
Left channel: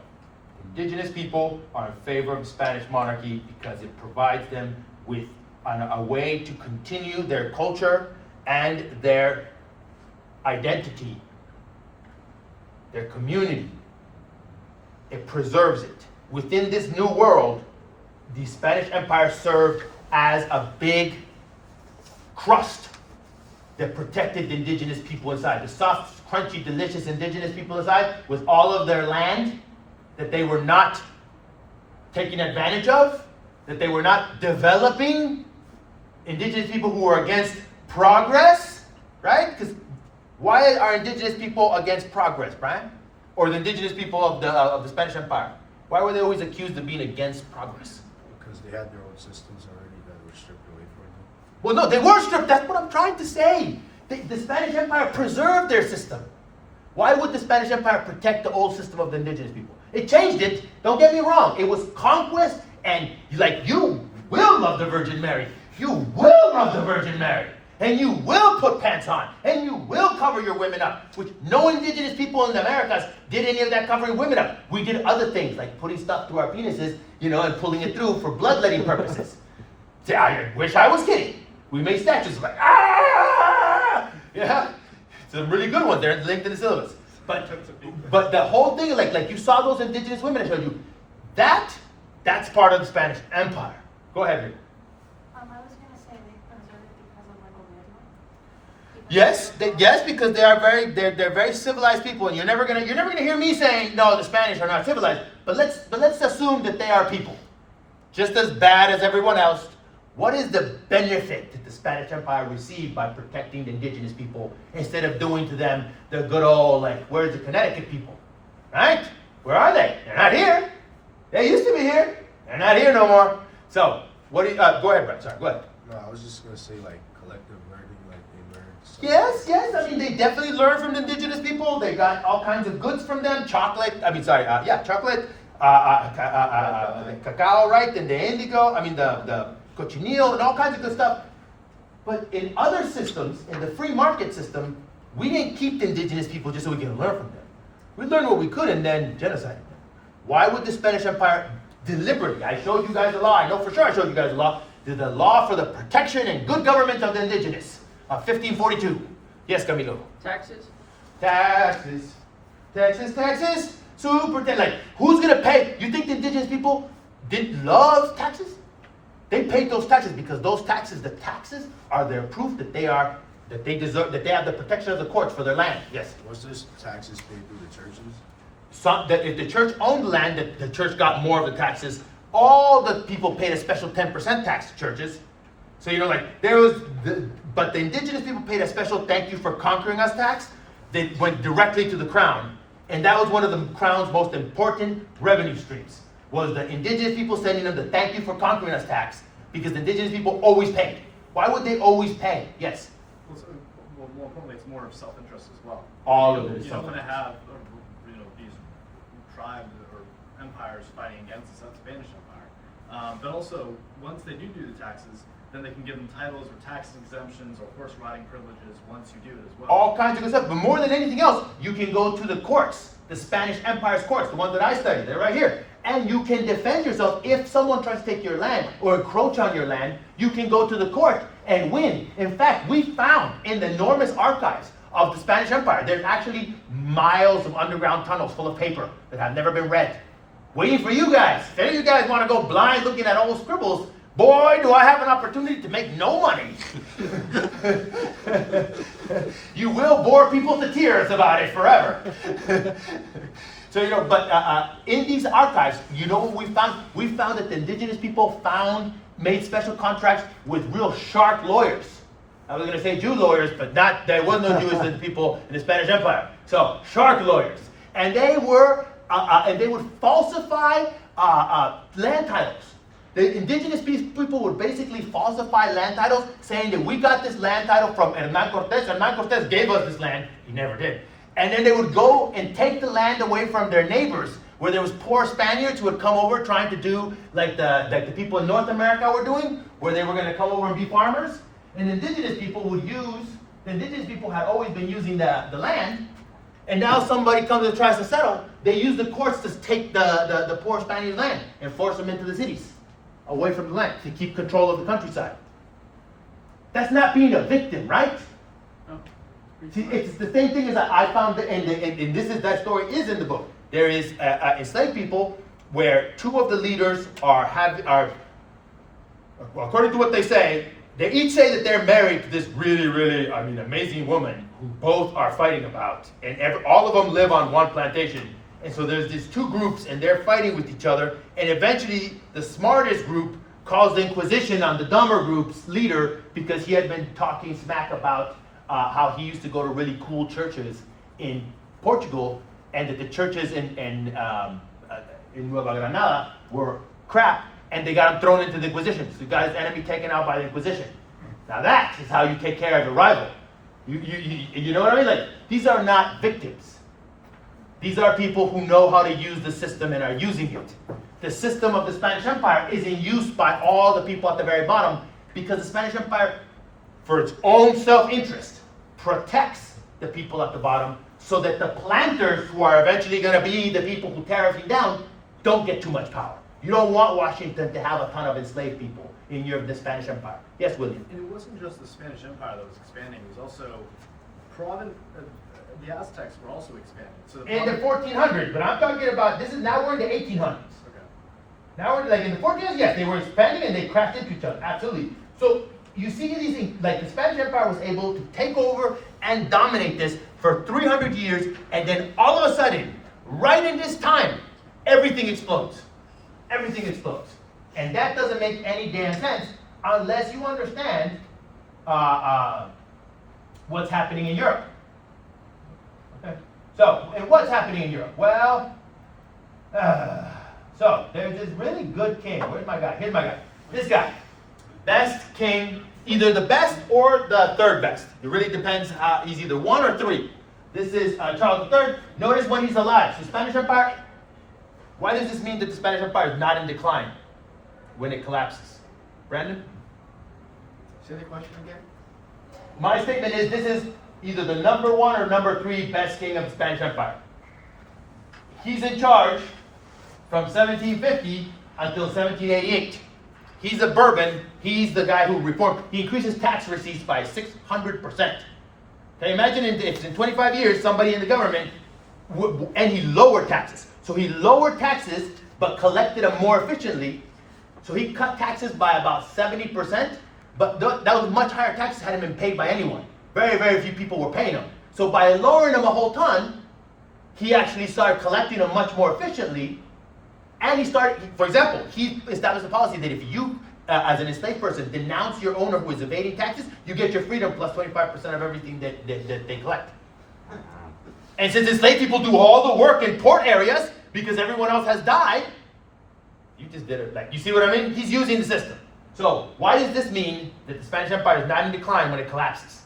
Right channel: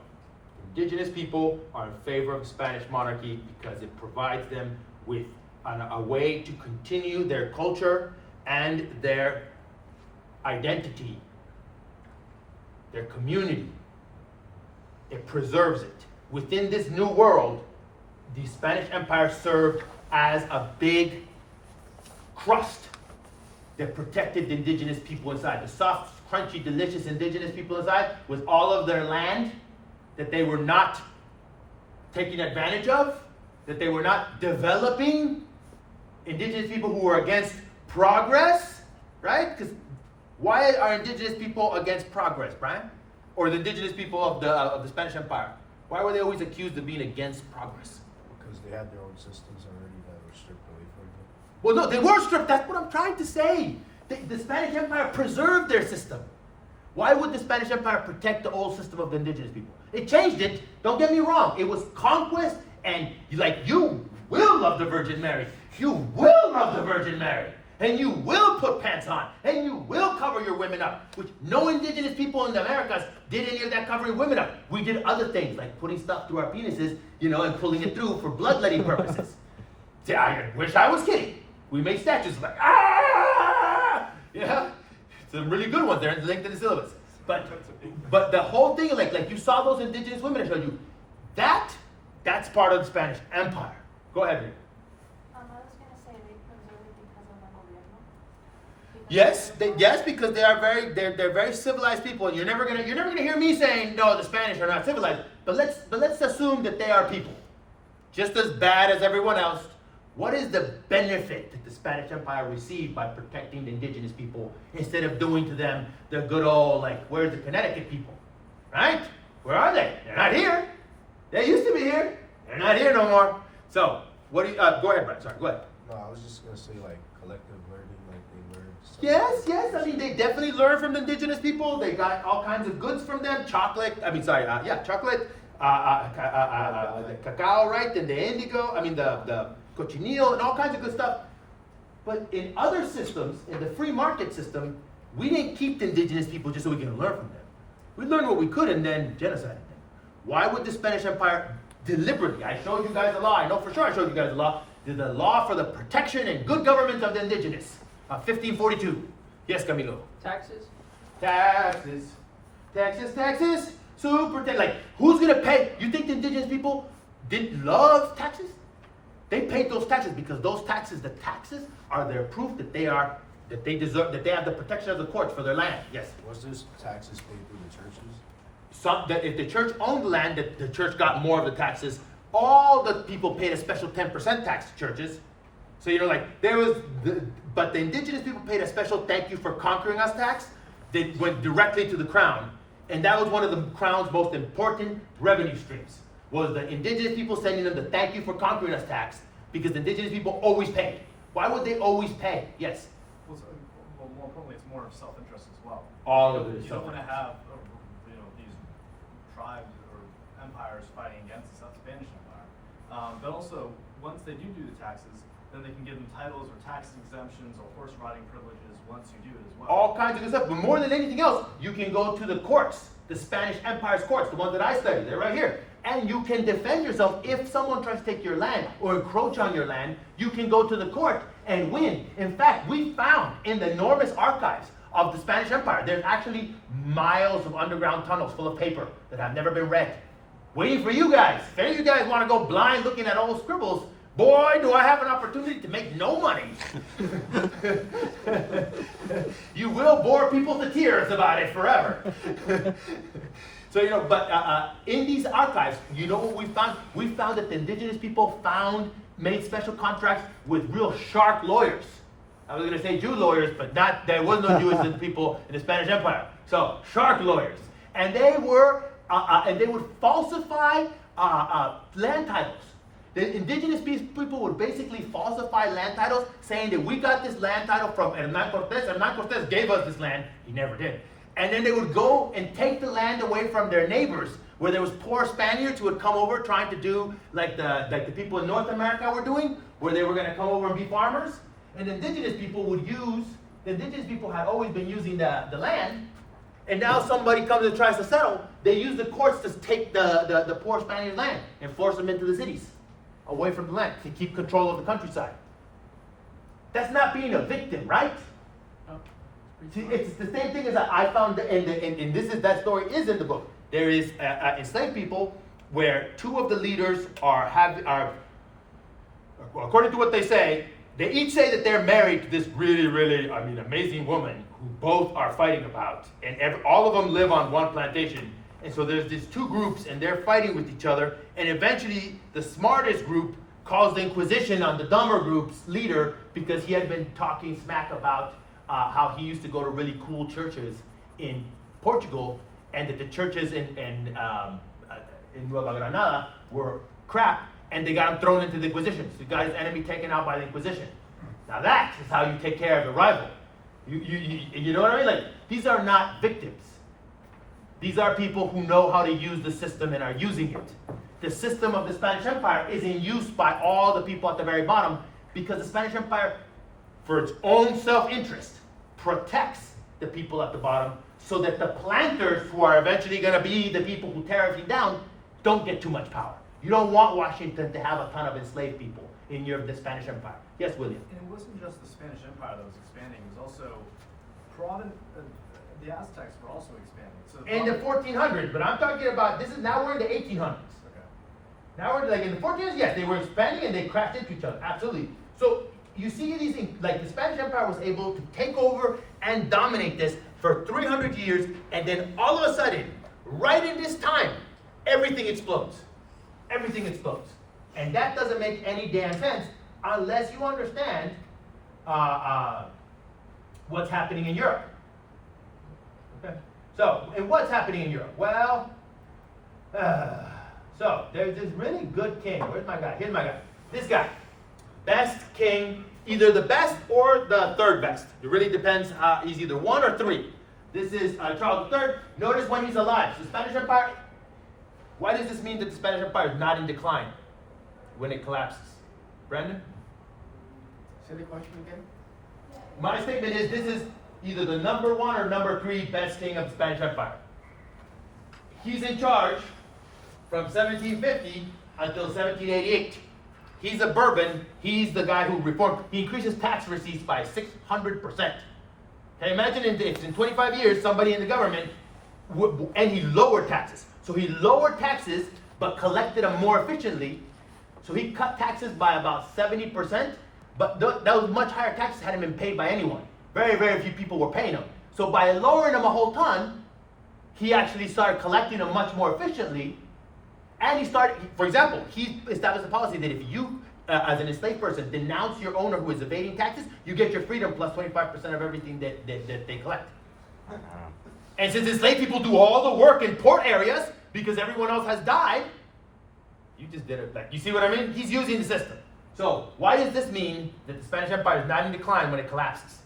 indigenous people are in favor of the Spanish monarchy because it provides them with a way to continue their culture and their identity, their community. It preserves it. Within this new world, the Spanish Empire served as a big crust that protected the indigenous people inside. The soft, crunchy, delicious indigenous people inside was all of their land that they were not taking advantage of, that they were not developing. Indigenous people who were against progress, right? Because why are indigenous people against progress, Brian? Or the indigenous people of the Spanish Empire? Why were they always accused of being against progress? Because they had their own systems already that were stripped away from them. Well, no, they were stripped. That's what I'm trying to say. The Spanish Empire preserved their system. Why would the Spanish Empire protect the old system of the indigenous people? It changed it. Don't get me wrong. It was conquest, and you will love the Virgin Mary. You will love the Virgin Mary. And you will put pants on. And you will cover your women up. Which no indigenous people in the Americas did any of that covering women up. We did other things, like putting stuff through our penises, and pulling it through for bloodletting purposes. See, I wish I was kidding. We made statues like, ah! Yeah. Some really good ones. They're linked in the syllabus. But the whole thing, like you saw those indigenous women I showed you, that's part of the Spanish Empire. Go ahead, Rick. I was gonna say they preserved it because of like a Yes, because they're very civilized people, and you're never gonna hear me saying no, the Spanish are not civilized. But let's assume that they are people, just as bad as everyone else. What is the benefit that the Spanish Empire received by protecting the indigenous people instead of doing to them the good old, where's the Connecticut people? Right? Where are they? They're not here. They used to be here. They're not here no more. So, go ahead, Brett. Sorry, go ahead. No, I was just gonna say collective learning, they learned. Yes. I mean, they definitely learned from the indigenous people. They got all kinds of goods from them. Chocolate. Chocolate. The cacao, right? And the indigo. I mean, the cochineal and all kinds of good stuff. But in other systems, in the free market system, we didn't keep the indigenous people just so we can learn from them. We learned what we could and then genocided them. Why would the Spanish Empire deliberately, I showed you guys the law, I know for sure I showed you guys the law, the law for the protection and good government of the indigenous, 1542. Yes, Camilo? Taxes? Taxes. Super, who's gonna pay? You think the indigenous people didn't love taxes? They paid those taxes because the taxes are their proof that they deserve, that they have the protection of the courts for their land. Yes? Was this taxes paid through the churches? That if the church owned land, that the church got more of the taxes. All the people paid a special 10% tax to churches. So but the indigenous people paid a special thank you for conquering us tax that went directly to the crown. And that was one of the crown's most important revenue streams, was the indigenous people sending them the thank you for conquering us tax, because the indigenous people always paid. Why would they always pay? Yes? Well, more importantly, it's more of self-interest as well. All of it is You don't want to self-interest. have these tribes or empires fighting against the Spanish Empire. But also, once they do the taxes, then they can give them titles or tax exemptions or horse riding privileges once you do it as well. All kinds of good stuff. But more than anything else, you can go to the courts, the Spanish Empire's courts, the ones that I studied. They're right here. And you can defend yourself. If someone tries to take your land or encroach on your land, you can go to the court and win. In fact, we found in the enormous archives of the Spanish Empire, there's actually miles of underground tunnels full of paper that have never been read, waiting for you guys. If any of you guys want to go blind looking at old scribbles, boy, do I have an opportunity to make no money. You will bore people to tears about it forever. So, in these archives, you know what we found? We found that the indigenous people made special contracts with real sharp lawyers. I was going to say Jew lawyers, but there was no Jewish people in the Spanish Empire. So, shark lawyers. And they would falsify land titles. The indigenous people would basically falsify land titles, saying that we got this land title from Hernán Cortés. Hernán Cortés gave us this land. He never did. And then they would go and take the land away from their neighbors, where there was poor Spaniards who would come over trying to do like the people in North America were doing, where they were going to come over and be farmers. And the indigenous people had always been using the land, and now somebody comes and tries to settle. They use the courts to take the poor Spaniard land and force them into the cities, away from the land, to keep control of the countryside. That's not being a victim, right? See, it's the same thing as I found, that story is in the book. There is enslaved people where two of the leaders are, according to what they say, they each say that they're married to this really, really, amazing woman who both are fighting about. And all of them live on one plantation. And so there's these two groups and they're fighting with each other. And eventually the smartest group calls the Inquisition on the dumber group's leader because he had been talking smack about how he used to go to really cool churches in Portugal and that the churches in Nueva Granada were crap, and they got him thrown into the Inquisition. So he got his enemy taken out by the Inquisition. Now that is how you take care of a rival. You know what I mean? Like, these are not victims. These are people who know how to use the system and are using it. The system of the Spanish Empire is in use by all the people at the very bottom because the Spanish Empire, for its own self-interest, protects the people at the bottom so that the planters, who are eventually going to be the people who tear everything down, don't get too much power. You don't want Washington to have a ton of enslaved people in the Spanish Empire. Yes, William? And it wasn't just the Spanish Empire that was expanding, it was also the Aztecs were also expanding. So In the 1400s, but I'm talking about, now we're in the 1800s. Now we're in the 1400s, yes, they were expanding and they crashed into each other, absolutely. So you see these things, like the Spanish Empire was able to take over and dominate this for 300 years, and then all of a sudden, right in this time, everything explodes. Everything explodes. And that doesn't make any damn sense unless you understand what's happening in Europe. Okay? So, and what's happening in Europe? Well, so there's this really good king. Where's my guy? Here's my guy. This guy. Best king, either the best or the third best. It really depends. He's either 1 or 3. This is Charles III. Notice when he's alive. The Spanish Empire. Why does this mean that the Spanish Empire is not in decline when it collapses? Brandon? Say the question again? My statement is this is either the number 1 or number 3 best king of the Spanish Empire. He's in charge from 1750 until 1788. He's a Bourbon. He's the guy who reformed. He increases tax receipts by 600%. Okay, imagine if in 25 years somebody in the government, and he lowered taxes. So he lowered taxes but collected them more efficiently. So he cut taxes by about 70%, but that was much higher taxes hadn't been paid by anyone. Very, very few people were paying them. So by lowering them a whole ton, he actually started collecting them much more efficiently. And he started, for example, he established a policy that if you, as an enslaved person, denounce your owner who is evading taxes, you get your freedom plus 25% of everything that they collect. And since enslaved people do all the work in port areas because everyone else has died, you just did it. Like, you see what I mean? He's using the system. So why does this mean that the Spanish Empire is not in decline when it collapses?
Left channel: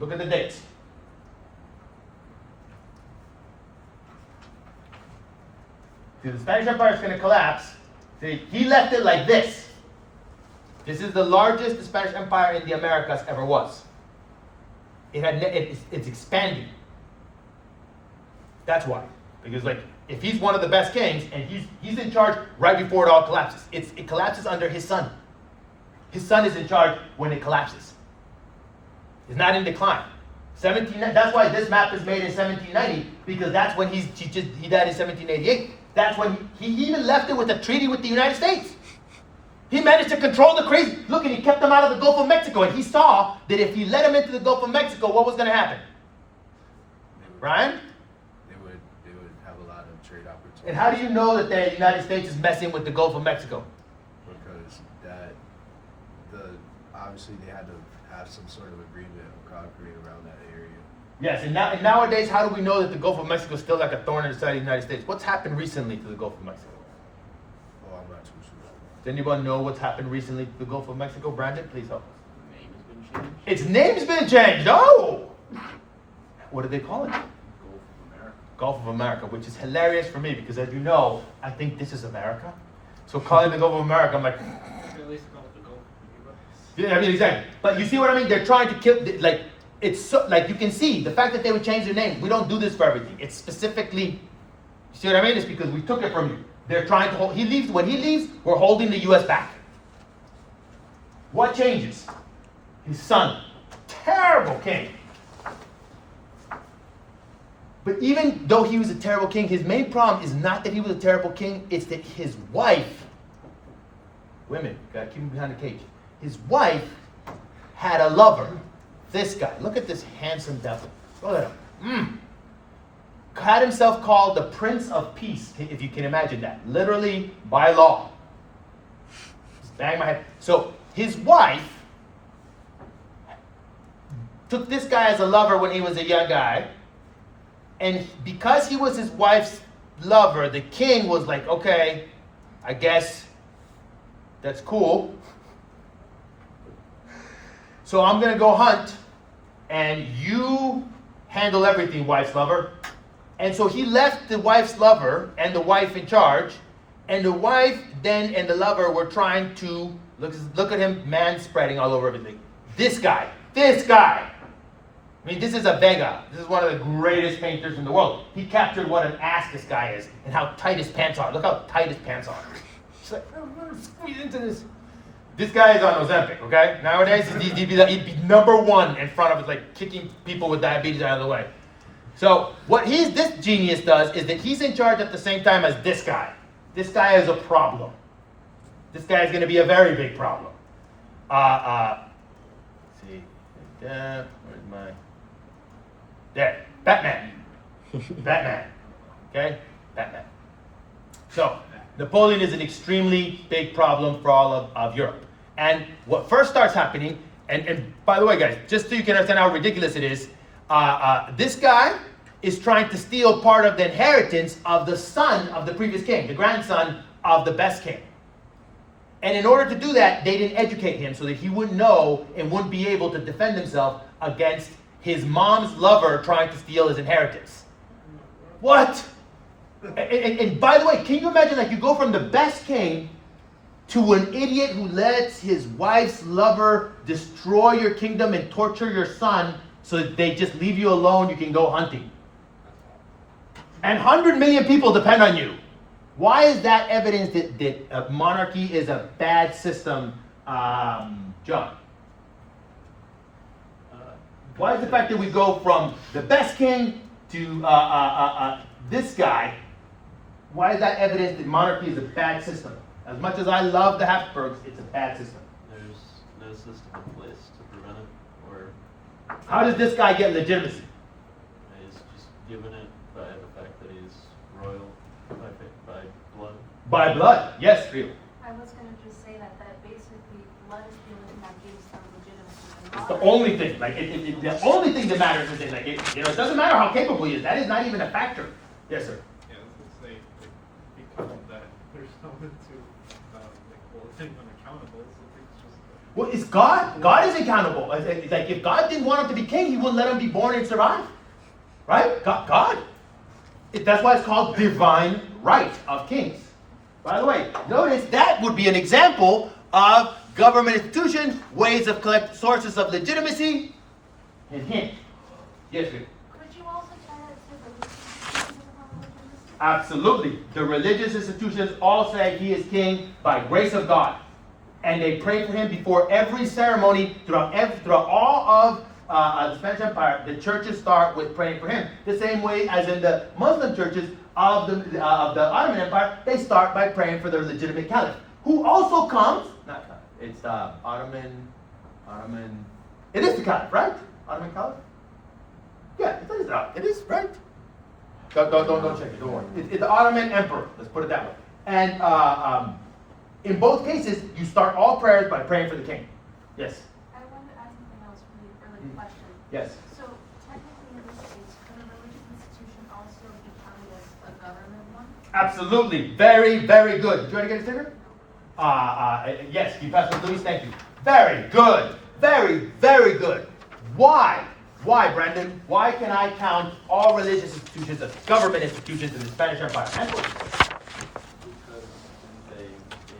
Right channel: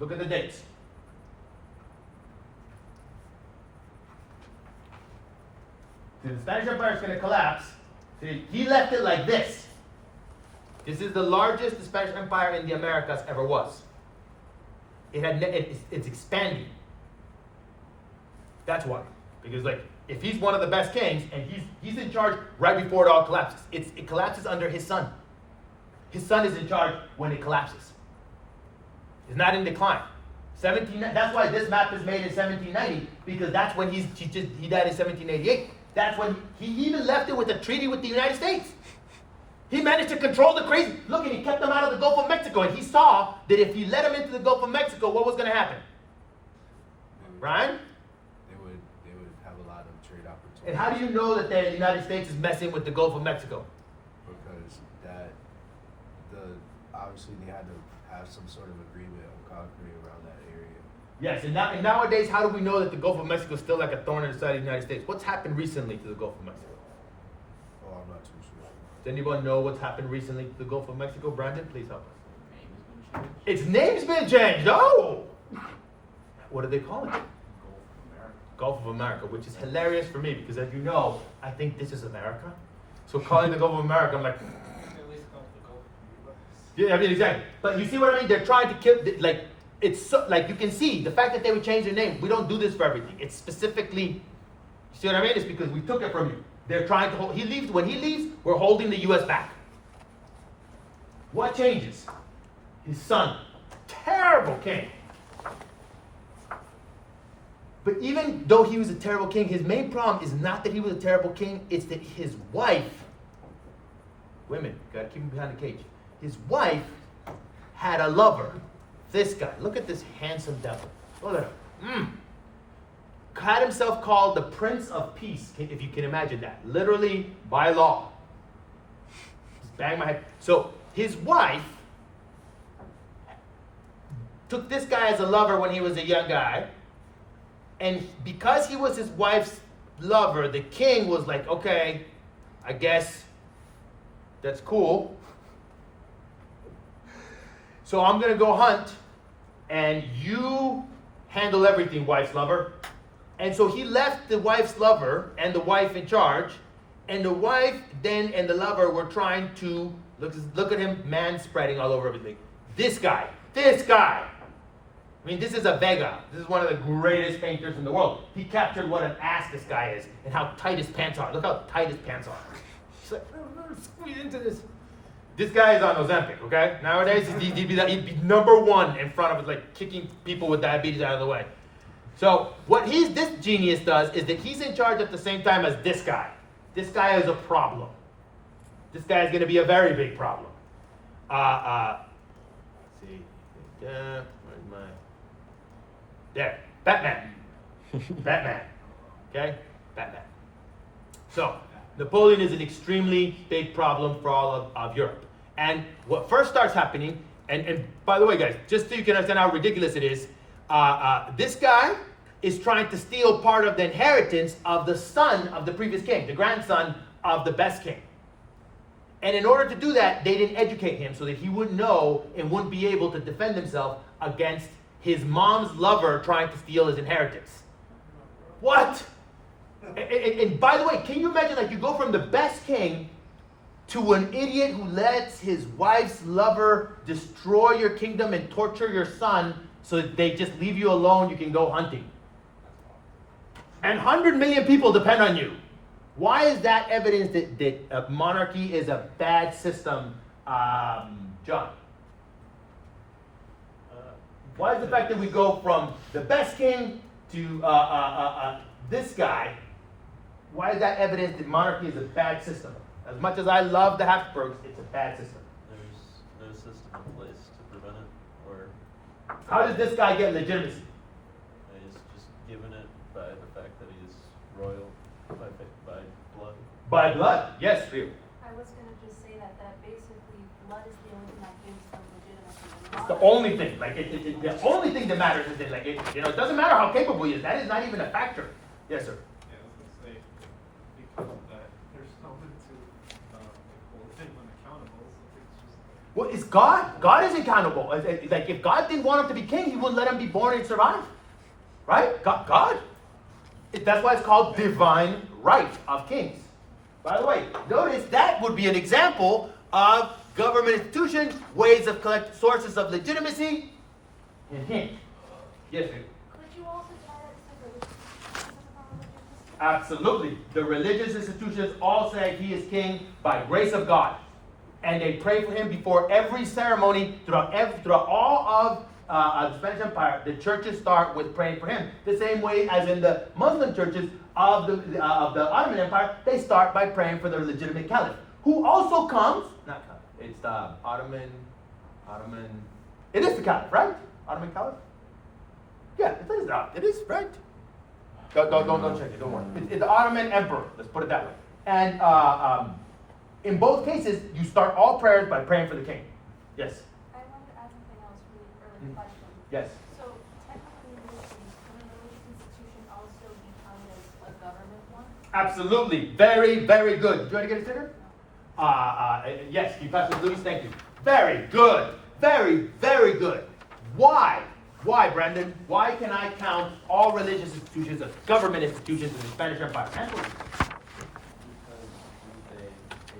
Look at the dates. The Spanish Empire is going to collapse. See, he left it like this. This is the largest the Spanish Empire in the Americas ever was. It's expanding. That's why. Because if he's one of the best kings and he's in charge right before it all collapses, it collapses under his son. His son is in charge when it collapses. It's not in decline. That's why this map is made in 1790, because that's when he died in 1788. That's when he even left it with a treaty with the United States. He managed to control the crazy. Look, and he kept them out of the Gulf of Mexico. And he saw that if he let them into the Gulf of Mexico, what was going to happen? Brian? They would have a lot of trade opportunities. And how do you know that the United States is messing with the Gulf of Mexico? Because obviously they had to have some sort of agreement or concrete around that area. Yes, and nowadays, how do we know that the Gulf of Mexico is still like a thorn in the side of the United States? What's happened recently to the Gulf of Mexico? Well, I'm not too sure. Does anyone know what's happened recently to the Gulf of Mexico? Brandon, please help us. The name has been changed. Its name's been changed. Oh! What do they call it? Gulf of America, which is hilarious for me because, as you know, I think this is America. So calling the Gulf of America, I'm like, At least call it the Gulf of yeah, I mean, exactly. But you see what I mean? They're trying to kill, it's so, you can see, the fact that they would change their name, we don't do this for everything. It's specifically, you see what I mean? It's because we took it from you. They're trying to hold, when he leaves, we're holding the U.S. back. What changes? His son, terrible king. But even though he was a terrible king, his main problem is not that he was a terrible king, it's that his wife women, gotta keep them behind the cage. His wife had a lover. This guy, look at this handsome devil. Look at him. Had himself called the Prince of Peace, if you can imagine that. Literally by law. Just bang my head. So his wife took this guy as a lover when he was a young guy. And because he was his wife's lover, the king was like, okay, I guess that's cool. So I'm going to go hunt, and you handle everything, wife's lover. And so he left the wife's lover and the wife in charge, and the wife then and the lover were trying to, look at him, man spreading all over everything. This guy. I mean, this is a Vega. This is one of the greatest painters in the world. He captured what an ass this guy is and how tight his pants are. Look how tight his pants are. He's like, squeeze into this. This guy is on Ozempic, okay? Nowadays, he'd be number one in front of us, like kicking people with diabetes out of the way. So what this genius does is that he's in charge at the same time as this guy. This guy is a problem. This guy is going to be a very big problem. Let's see. Where's my... There. Batman. Batman. Okay? Batman. So, Napoleon is an extremely big problem for all of Europe. And what first starts happening, and by the way, guys, just so you can understand how ridiculous it is, this guy is trying to steal part of the inheritance of the son of the previous king, the grandson of the best king. And in order to do that, they didn't educate him so that he wouldn't know and wouldn't be able to defend himself against his mom's lover trying to steal his inheritance. What? And by the way, can you imagine, like, you go from the best king to an idiot who lets his wife's lover destroy your kingdom and torture your son so that they just leave you alone, you can go hunting. And 100 million people depend on you. Why is that evidence that monarchy is a bad system, John? Why is the fact that we go from the best king to this guy, why is that evidence that monarchy is a bad system? As much as I love the Habsburgs, it's a bad system. There's no system in place to prevent it, or How does this guy get legitimacy? he's just given it by the fact that he's royal by blood. By blood, yes, Rio. I was gonna just say that basically blood is the only thing that gives them legitimacy. It's the only thing. Like the only thing that matters is that, like, it doesn't matter how capable he is. That is not even a factor. Yes, sir. Yeah, I was gonna say, because of that, there's no one to, hold anyone accountable, so I think it's just. Well, it's God. God is accountable. Like, if God didn't want him to be king, he wouldn't let him be born and survive. Right? God. That's why it's called divine right of kings. By the way, notice that would be an example of government institution, ways of collect sources of legitimacy. And hint. Yes, sir. Could you also tie that to religious institutions? Absolutely. The religious institutions all say he is king by grace of God. And they pray for him before every ceremony throughout all of the Spanish Empire. The churches start with praying for him. The same way as in the Muslim churches of the Ottoman Empire, they start by praying for the legitimate caliph, who also comes. It's Ottoman. It is the caliph, right? Ottoman caliph. Yeah, it is right. Don't check it. Don't worry. It's the Ottoman emperor. Let's put it that way. And in both cases, you start all prayers by praying for the king. Yes. I wanted to ask something else really early question. Yes. So technically in this case, could a religious institution also be counted as a government one? Absolutely. Very, very good. Do you want to get a sticker? Yes, Professor Luis, thank you. Very good. Very, very good. Why? Why, Brandon? Why can I count all religious institutions as government institutions in the Spanish Empire? Because they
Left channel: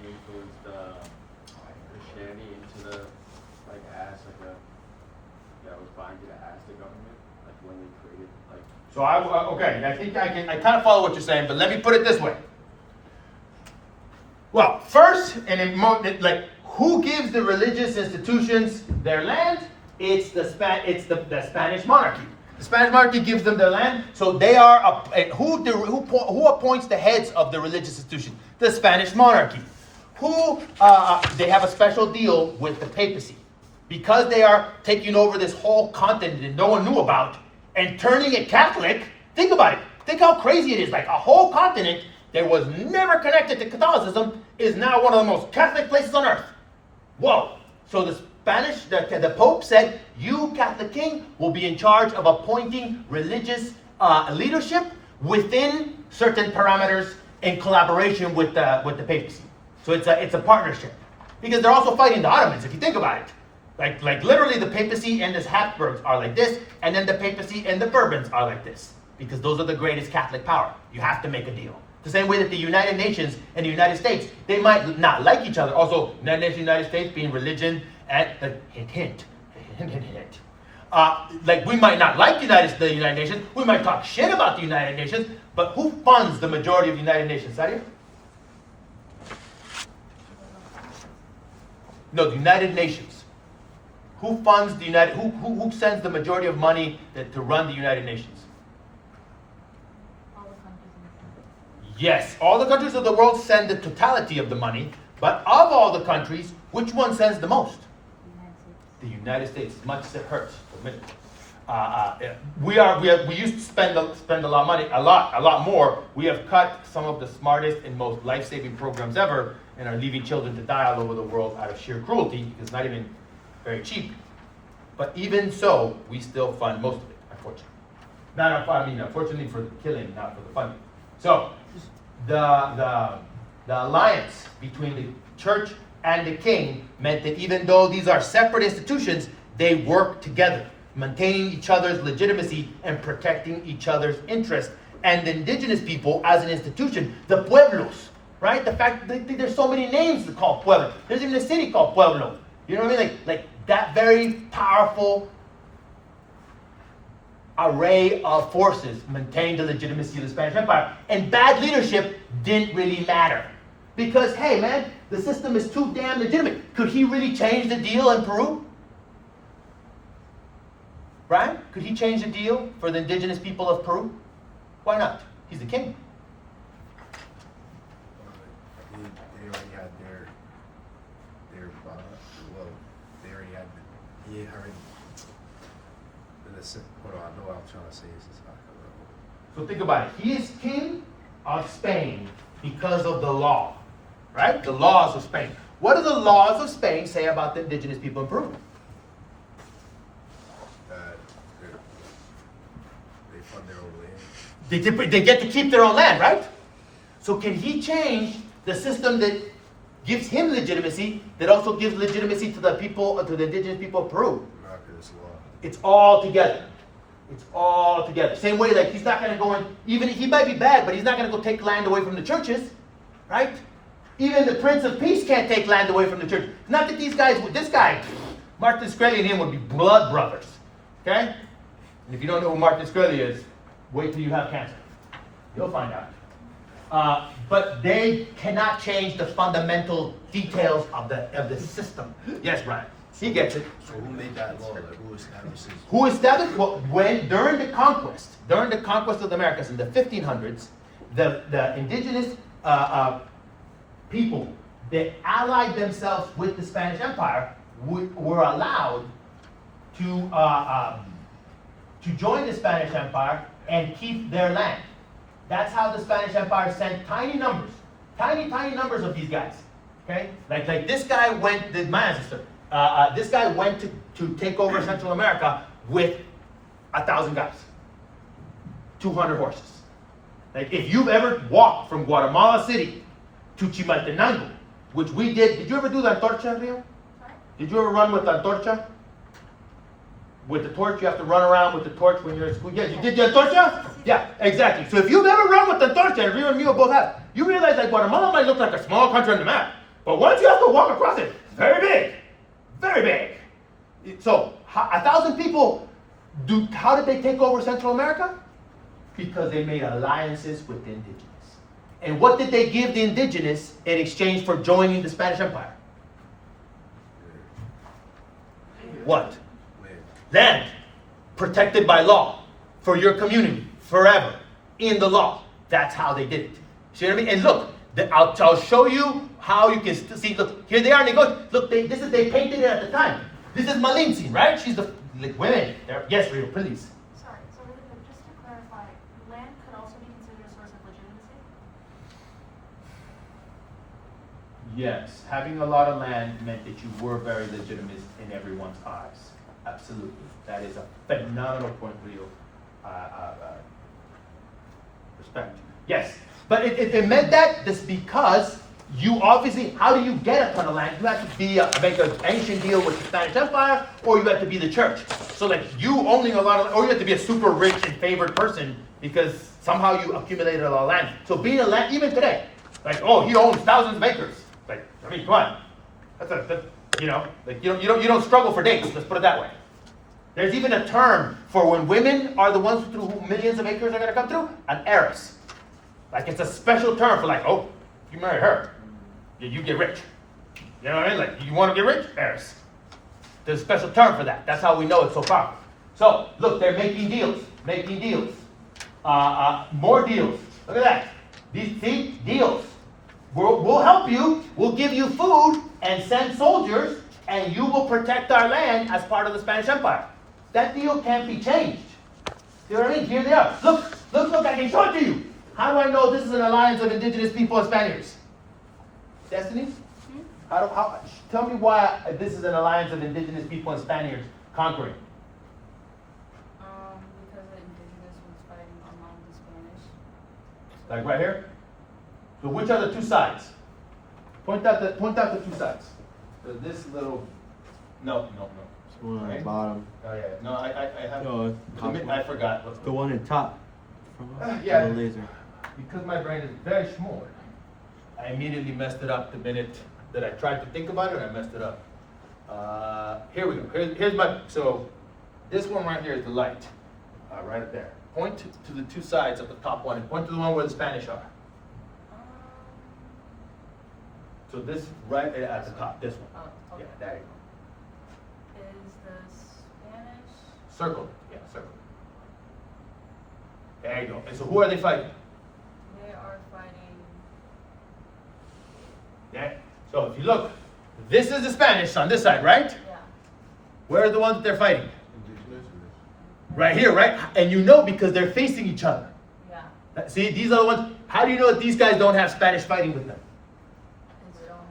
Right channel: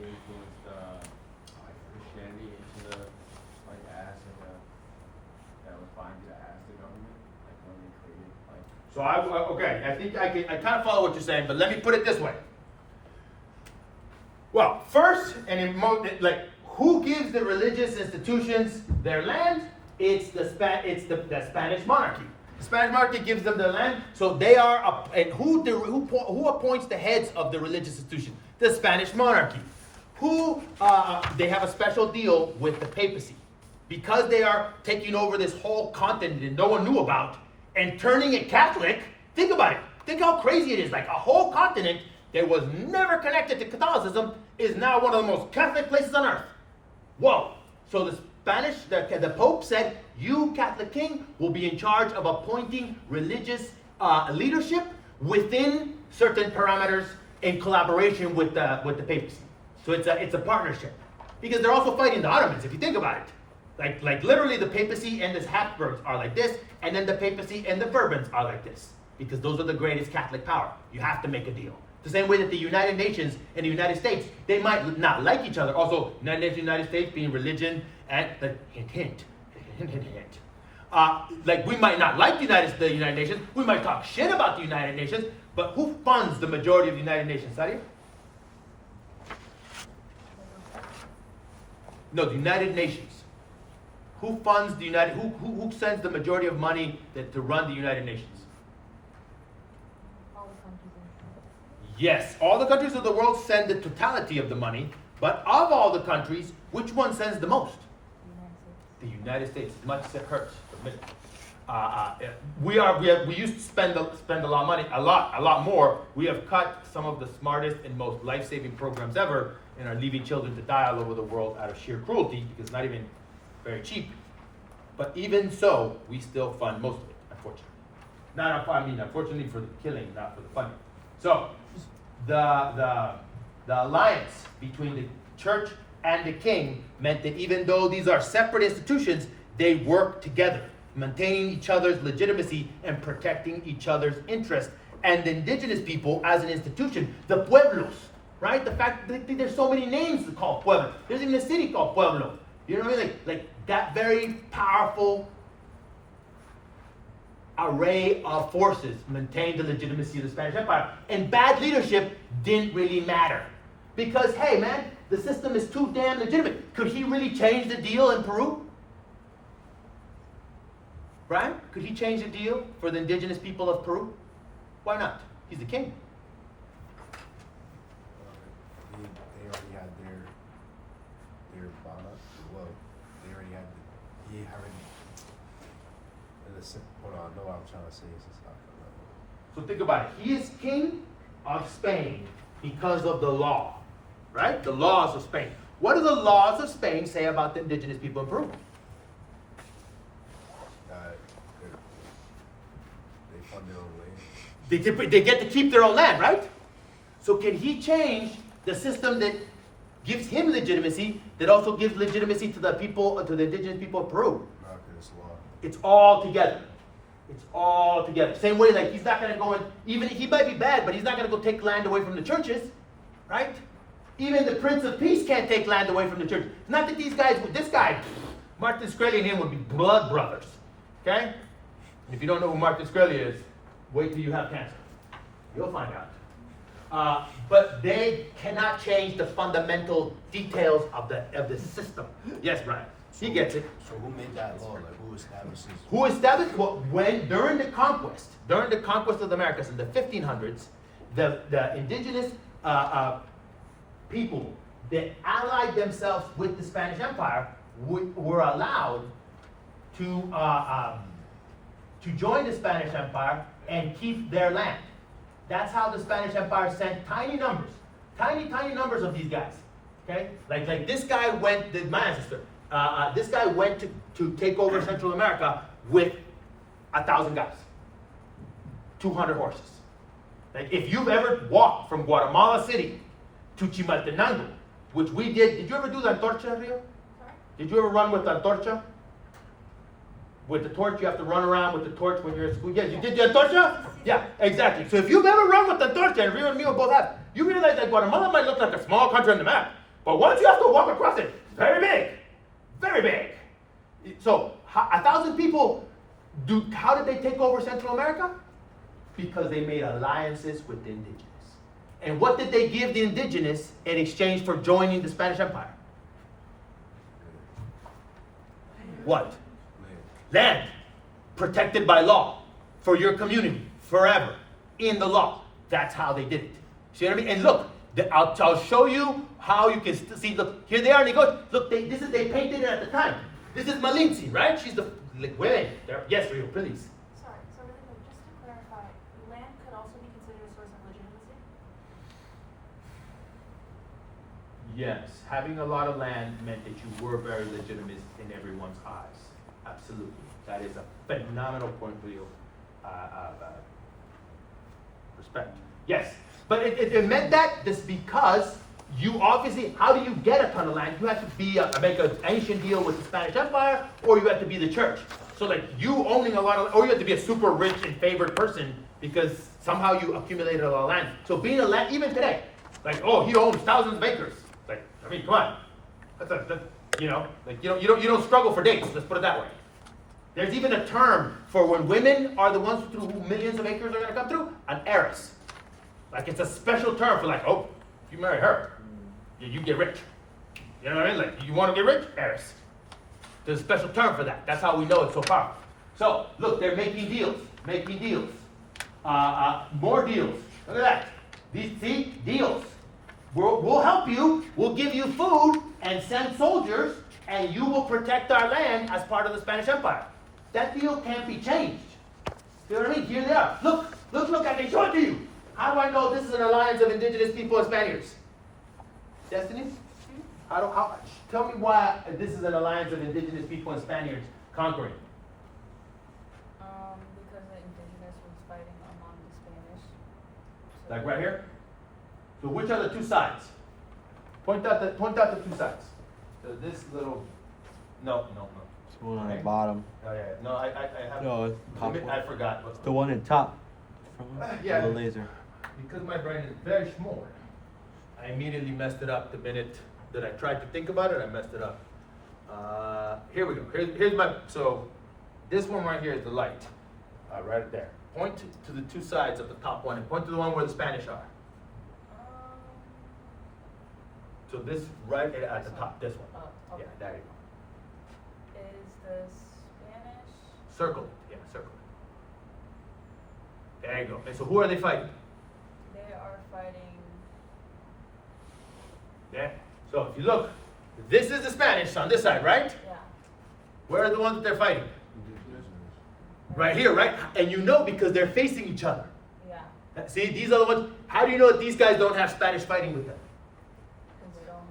influenced Christianity into the, as that was binding as the government, when we created, So okay, I think I kind of follow what you're saying, but let me put it this way. Well, first, who gives the religious institutions their land? It's the Spanish monarchy. The Spanish monarchy gives them their land, so they are who appoints the heads of the religious institution? The Spanish monarchy. They have a special deal with the papacy. Because they are taking over this whole continent that no one knew about and turning it Catholic. Think about it. Think how crazy it is. Like a whole continent that was never connected to Catholicism is now one of the most Catholic places on earth. Whoa. So the the Pope said, you, Catholic King, will be in charge of appointing religious leadership within certain parameters in collaboration with the papacy. So it's a partnership. Because they're also fighting the Ottomans, if you think about it. Like literally the papacy and the Habsburgs are like this, and then the papacy and the Bourbons are like this. Because those are the greatest Catholic power. You have to make a deal. The same way that the United Nations and the United States, they might not like each other. Also, United Nations, United States being religion and hint. Like we might not like the United Nations. We might talk shit about the United Nations. But who funds the majority of the United Nations? Sadia? No, the United Nations. Who funds the United? Who sends the majority of money to run the United Nations? All the countries in the world. Yes, all the countries of the world send the totality of the money, but of all the countries, which one sends the most? The United States. As much as it hurts to admit it. We used to spend a lot of money, a lot more. We have cut some of the smartest and most life-saving programs ever, and are leaving children to die all over the world out of sheer cruelty because it's not even very cheap. But even so, we still fund most of it, unfortunately. Unfortunately for the killing, not for the funding. So, the alliance between the church and the king meant that even though these are separate institutions, they work together, maintaining each other's legitimacy and protecting each other's interests. And the indigenous people as an institution, the pueblos, right? The fact that there's so many names to call Pueblo. There's even a city called Pueblo. You know what I mean? Like that very powerful array of forces maintained the legitimacy of the Spanish Empire. And bad leadership didn't really matter. Because, hey man, the system is too damn legitimate. Could he really change the deal in Peru? Right? Could he change the deal for the indigenous people of Peru? Why not? He's the king. They already had their product. Well, they already had he already. Hold on, I know what I'm trying to say. It's just not correct. So think about it. He is king of Spain because of the law, right? The laws of Spain. What do the laws of Spain say about the indigenous people in Peru? They fund their own land. They get to keep their own land, right? So can he change the system that gives him legitimacy, that also gives legitimacy to the people, to the indigenous people of Peru? Not 'cause it's law. It's all together. It's all together. Same way, like he's not going to go in, even he might be bad, but he's not going to go take land away from the churches, right? Even the Prince of Peace can't take land away from the church. Not that these guys, this guy, Martin Shkreli and him would be blood brothers, okay? And if you don't know who Martin Shkreli is, wait till you have cancer. You'll find out. But they cannot change the fundamental details of the system. Yes, Brian. He gets it. So who made that law? Like, who establishes? Who established? Well, during the conquest of the Americas in the 1500s, the indigenous people that allied themselves with the Spanish Empire were allowed to join the Spanish Empire and keep their land. That's how the Spanish Empire sent tiny numbers of these guys. Okay, like this guy went. My ancestor. This guy went to take over Central America with 1,000 guys, 200 horses. Like if you've ever walked from Guatemala City to Chimaltenango, which we did you ever do the Antorcha, Rio? Did you ever run with the Antorcha? With the torch, you have to run around with the torch when you're at school. Yeah, you did the Antorcha? Yeah, exactly. So if you've ever run with the Antorcha, and Rio and Mio both have, you realize that Guatemala might look like a small country on the map, but once you have to walk across it, it's very big. Very big. So 1,000 people, how did they take over Central America? Because they made alliances with the indigenous. And what did they give the indigenous in exchange for joining the Spanish Empire? What? Land. Protected by law. For your community. Forever. In the law. That's how they did it. See what I mean? And look, I'll show you how you can see. Look, here they are. And they go. Look, they painted it at the time. This is Malintzin, right? She's the women. Yes, Rita, please. Sorry, so just to clarify, land could also be considered a source of legitimacy? Yes, having a lot of land meant that you were very legitimate in everyone's eyes. Absolutely, that is a phenomenal point for you. Respect. Yes, but it meant that just because you obviously, how do you get a ton of land? You have to be make an ancient deal with the Spanish Empire, or you have to be the church. So like you owning a lot of, or you have to be a super rich and favored person because somehow you accumulated a lot of land. So being a land, even today, like he owns thousands of acres. Like I mean, come on, you don't struggle for dates. Let's put it that way. There's even a term for when women are the ones through who millions of acres are going to come through, an heiress. Like it's a special term for like, if you marry her, you get rich. You know what I mean? Like you want to get rich, heiress. There's a special term for that. That's how we know it's so powerful. So look, they're making deals, more deals. Look at that. These deals. We'll help you. We'll give you food and send soldiers, and you will protect our land as part of the Spanish Empire. That deal can't be changed. You know what I mean? Here they are. Look, I can show it to you. How do I know this is an alliance of indigenous people and Spaniards? Destiny? Tell me why this is an alliance of indigenous people and Spaniards conquering. Because the indigenous was fighting among the Spanish. Like right here? So which are the two sides? Point out the two sides. So this little, no. It's one on the Right. bottom. Oh yeah, no, I have, No, I forgot. the one at top. Yeah. The laser. Because my brain is very small, I immediately messed it up the minute that I tried to think about it, I messed it up. Here we go, here's so this one right here is the light, right there. Point to the two sides of the top one and point to the one where the Spanish are. So this right at the top, this one. Yeah, there you go. Is the Spanish? Circle, yeah, circle. There you go. And so who are they fighting? They are fighting. Yeah. So if you look, this is the Spanish on this side, right? Yeah. Where are the ones that they're fighting? Right here, right? And you know because they're facing each other. Yeah. See, these are the ones. How do you know that these guys don't have Spanish fighting with them? Because they all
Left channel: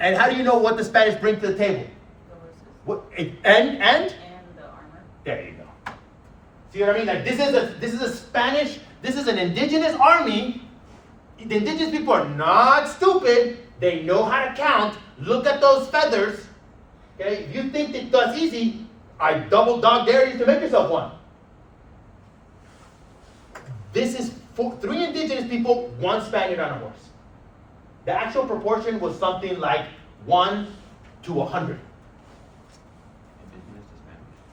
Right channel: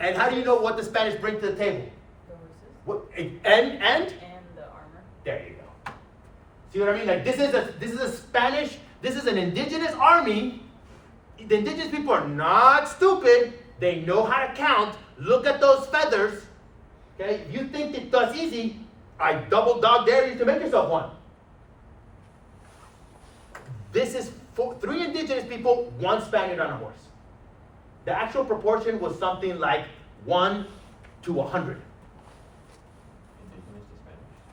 have. And how do you know what the Spanish bring to the table? The horses. What? And? And the armor. There you go. See what I mean? Like this is a Spanish. This is an indigenous army. The indigenous people are not stupid. They know how to count. Look at those feathers. Okay, if you think that that's easy, I double dog dare you to make yourself one. This is 3 indigenous people, 1 Spaniard on a horse. The actual proportion was something like 1 to 100. Indigenous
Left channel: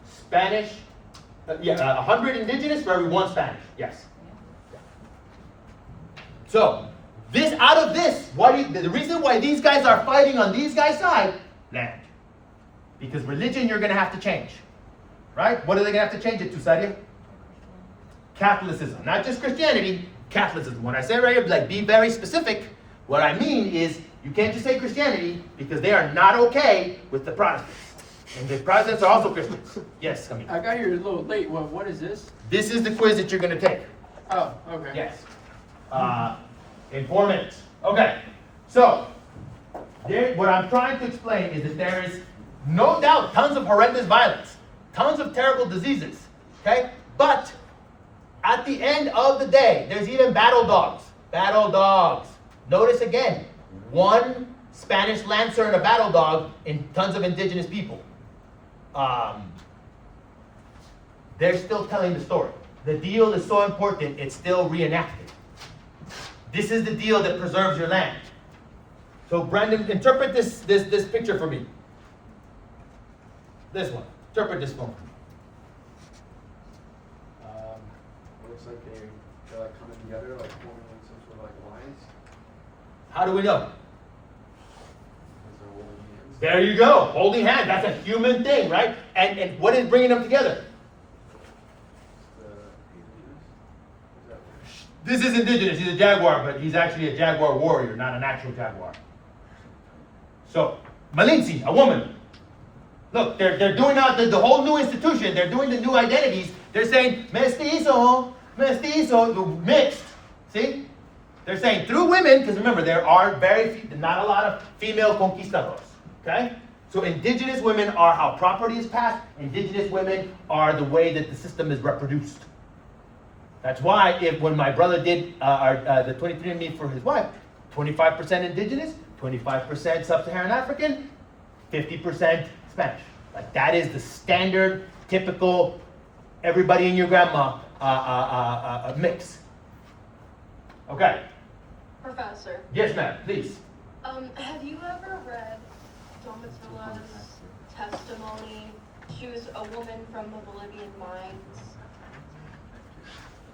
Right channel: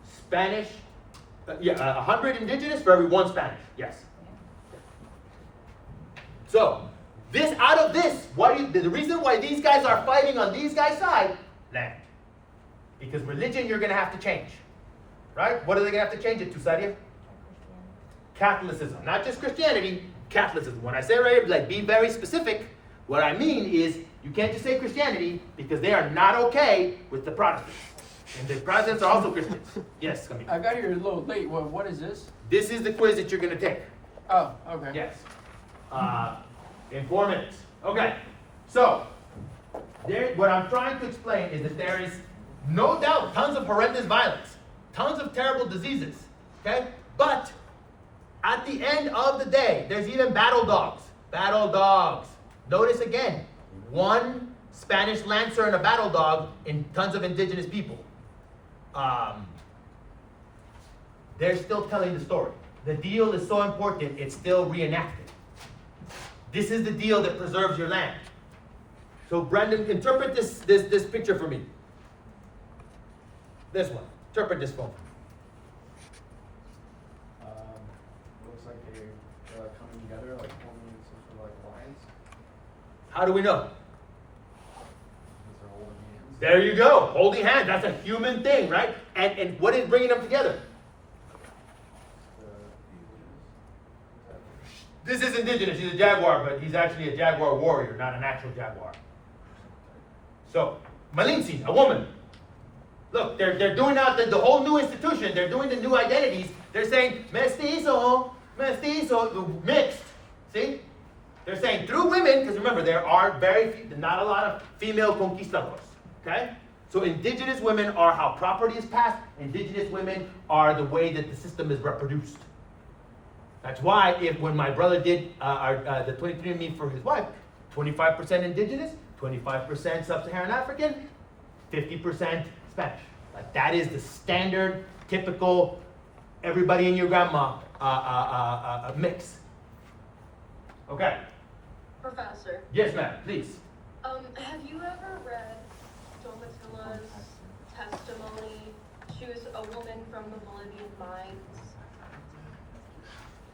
to Spanish, 100 indigenous for every 1 Spanish. Yes. So, out of this, the reason why these guys are fighting on these guys' side, land. Because religion you're going to have to change. Right? What are they going to have to change it to, Sadia? Catholicism. Not just Christianity, Catholicism. When I say right here, like be very specific, what I mean is you can't just say Christianity because they are not okay with the Protestants. And the Protestants are also Christians. Yes, come I got here a little late. Well, what is this? This is the quiz that you're going to take. Oh, okay. Yes. In 4 minutes. Okay. So, what I'm trying to explain is that there is no doubt tons of horrendous violence, tons of terrible diseases. Okay? But at the end of the day, there's even battle dogs. Battle dogs. Notice again, 1 Spanish lancer and a battle dog in tons of indigenous people. They're still telling the story. The deal is so important, it's still reenacted. This is the deal that preserves your land. So Brandon, interpret this picture for me. This one. Interpret this one. Looks like they're coming together, like forming some sort of like alliance. How do we know? Because they're holding hands. There you go. Holding hands. That's a human thing, right? And what is bringing them together? This is indigenous, he's a jaguar, but he's actually a jaguar warrior, not an actual jaguar. So, Malinzi, a woman. Look, they're doing out the whole new institution, they're doing the new identities. They're saying, mestizo, mixed. See? They're saying through women, because remember, there are not a lot of female conquistadors. Okay? So indigenous women are how property is passed. Indigenous women are the way that the system is reproduced. That's why when my brother did the 23andMe for his wife, 25% indigenous, 25% sub-Saharan African, 50% Spanish. Like that is the standard, typical, everybody and your grandma mix. Okay. Professor, Yes, ma'am. Please. have you ever read Domitula's testimony? She was a woman from the Bolivian mines.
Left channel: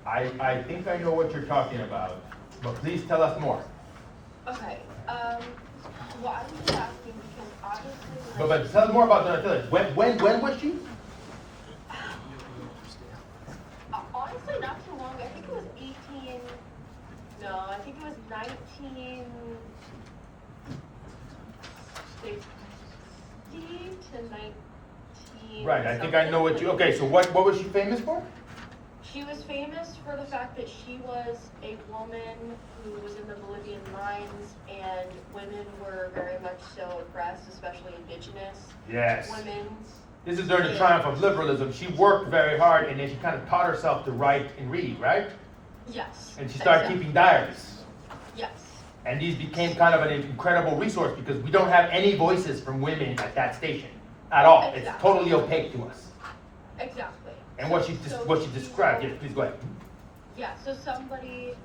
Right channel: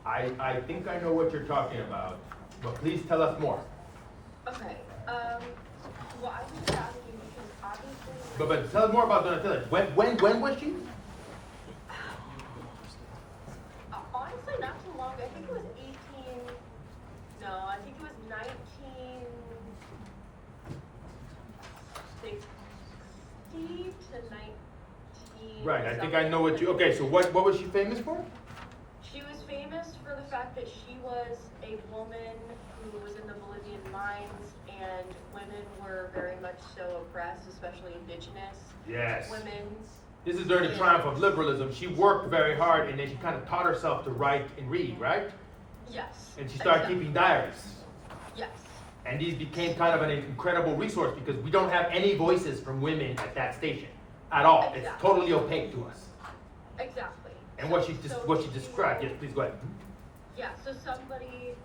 I think I know what you're talking about, but please tell us more. Okay, well, I'm just asking because obviously. But tell us more about Donatilla. When was she? Honestly, not too long. I think it was 1960 to 19. Right, I think I know what you, okay, so what was she famous for? She was famous for the fact that she was a woman who was in the Bolivian mines, and women were very much so oppressed, especially indigenous Yes. women. This is during the triumph of liberalism. She worked very hard and then she kind of taught herself to write and read, right? Yes. And she started exactly. keeping diaries. Yes. And these became kind of an incredible resource because we don't have any voices from women at that station at all. It's Exactly. totally opaque to us. Exactly. And what she So described, yes, please go ahead. Yeah, so somebody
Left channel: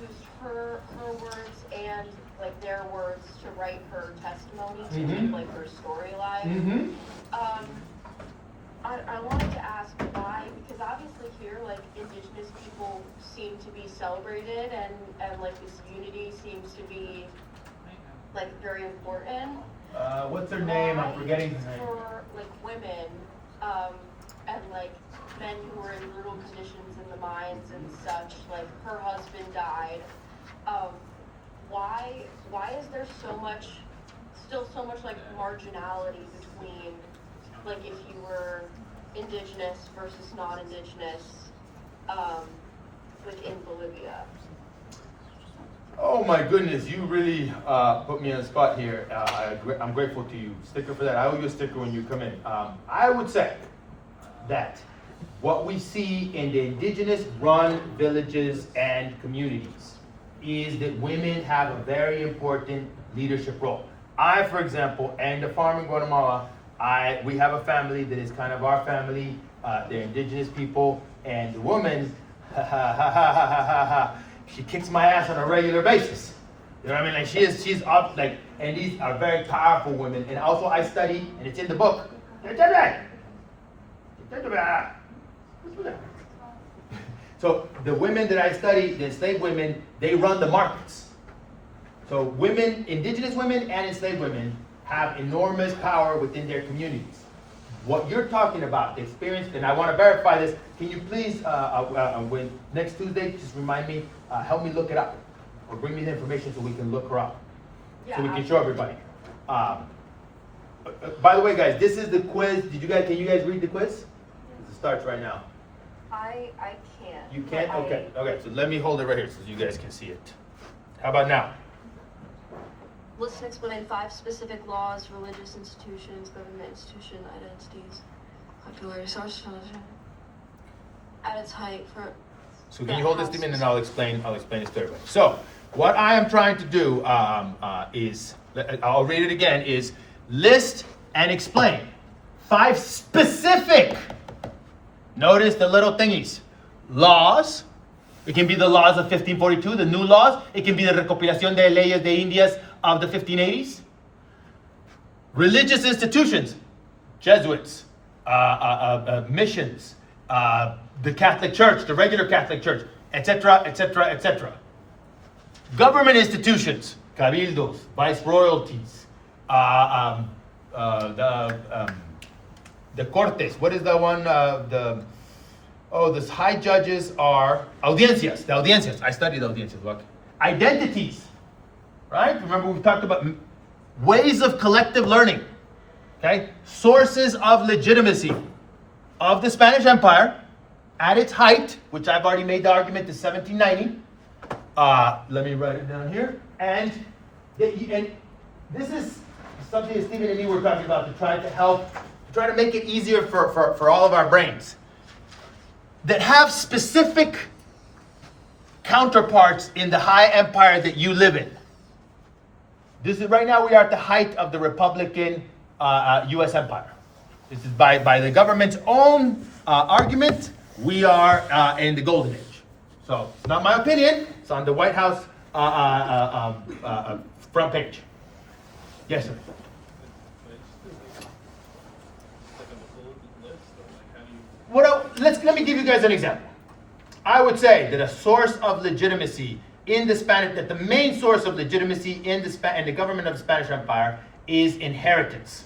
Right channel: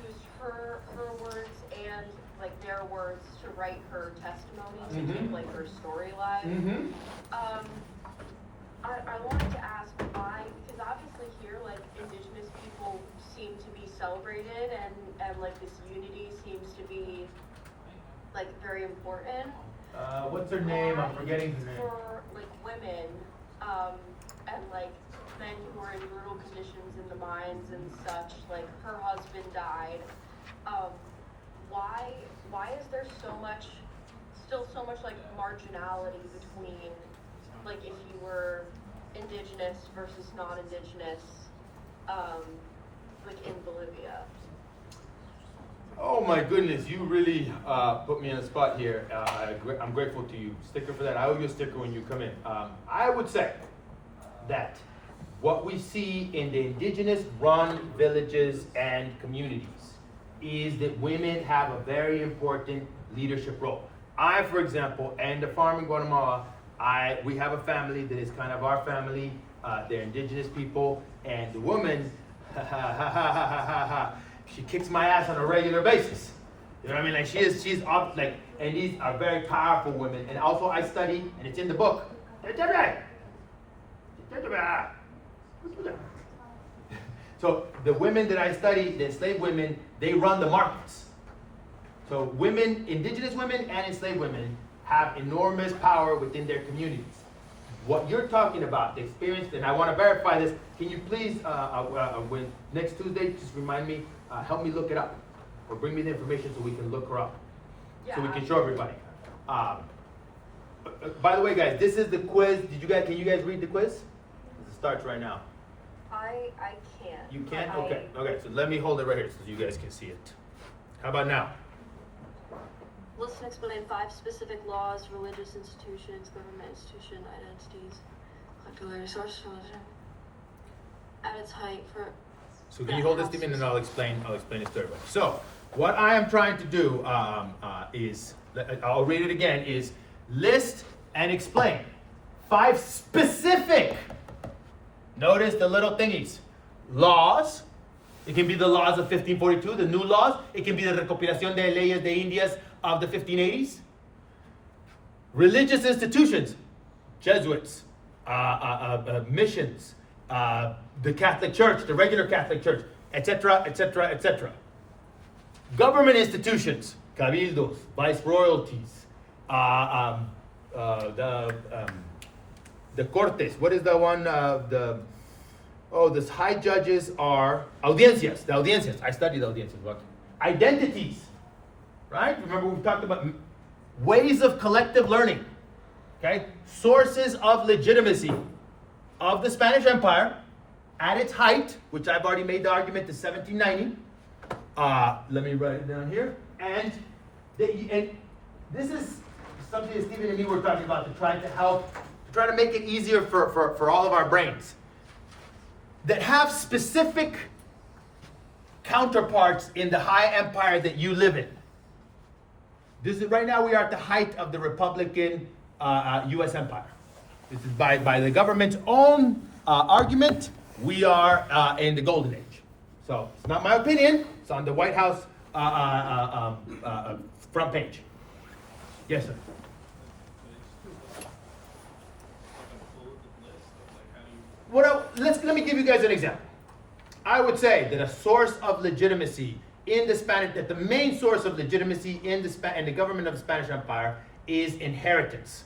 used her words and like their words to write her testimony to keep like her story alive. Mm-hmm. I wanted to ask why, because obviously here like indigenous people seem to be celebrated and like this unity seems to be like very important. What's her name? I'm forgetting her name. For like women, and like men who were in brutal conditions in the mines and such, like her husband died. Why is there still so much like marginality between like if you were indigenous versus non-indigenous, within Bolivia? Oh my goodness, you really put me on the spot here. I'm grateful to you. Sticker for that. I owe you a sticker when you come in. I would say that what we see in the indigenous run villages and communities is that women have a very important leadership role. I, for example, and the farm in Guatemala, we have a family that is kind of our family. They're indigenous people, and the woman, she kicks my ass on a regular basis. You know what I mean? Like she's up, like, and these are very powerful women. And also I study, and it's in the book. So the women that I study, the enslaved women, they run the markets. So women, indigenous women and enslaved women have enormous power within their communities. What you're talking about, the experience, and I want to verify this, can you please, when next Tuesday, just remind me, help me look it up, or bring me the information so we can look her up, so we can show everybody. By the way, guys, this is the quiz. Can you guys read the quiz? It starts right now. I can't. You can't? Okay, so let me hold it right here so you guys can see it. How about now? List and explain 5 specific laws, religious institutions, government institution, identities, popular resource at its height for. So can you hold this to me and then I'll explain it to everybody. So what I am trying to do is, I'll read it again, is list and explain 5 specific, notice the little thingies, laws. It can be the laws of 1542, the new laws. It can be the recopilación de leyes de Indias of the 1580s. Religious institutions, Jesuits, missions, the Catholic Church, the regular Catholic Church, etc., etc., etc. Government institutions, cabildos, viceroyalties, the Cortes. What is the one? Oh, the high judges are audiencias, the audiencias. I studied audiencias. What? Identities, right? Remember we talked about ways of collective learning, okay? Sources of legitimacy of the Spanish Empire at its height, which I've already made the argument is 1790. Let me write it down here. And this is something that Stephen and me were talking about to try to make it easier for all of our brains that have specific counterparts in the high empire that you live in. This is right now we are at the height of the Republican U.S. empire. This is by the government's own argument. We are in the golden age. So it's not my opinion. It's on the White House front page. Yes, sir. Let me give you guys an example. I would say that a source of legitimacy in the Spanish, that the main source of legitimacy in the government of the Spanish Empire is inheritance.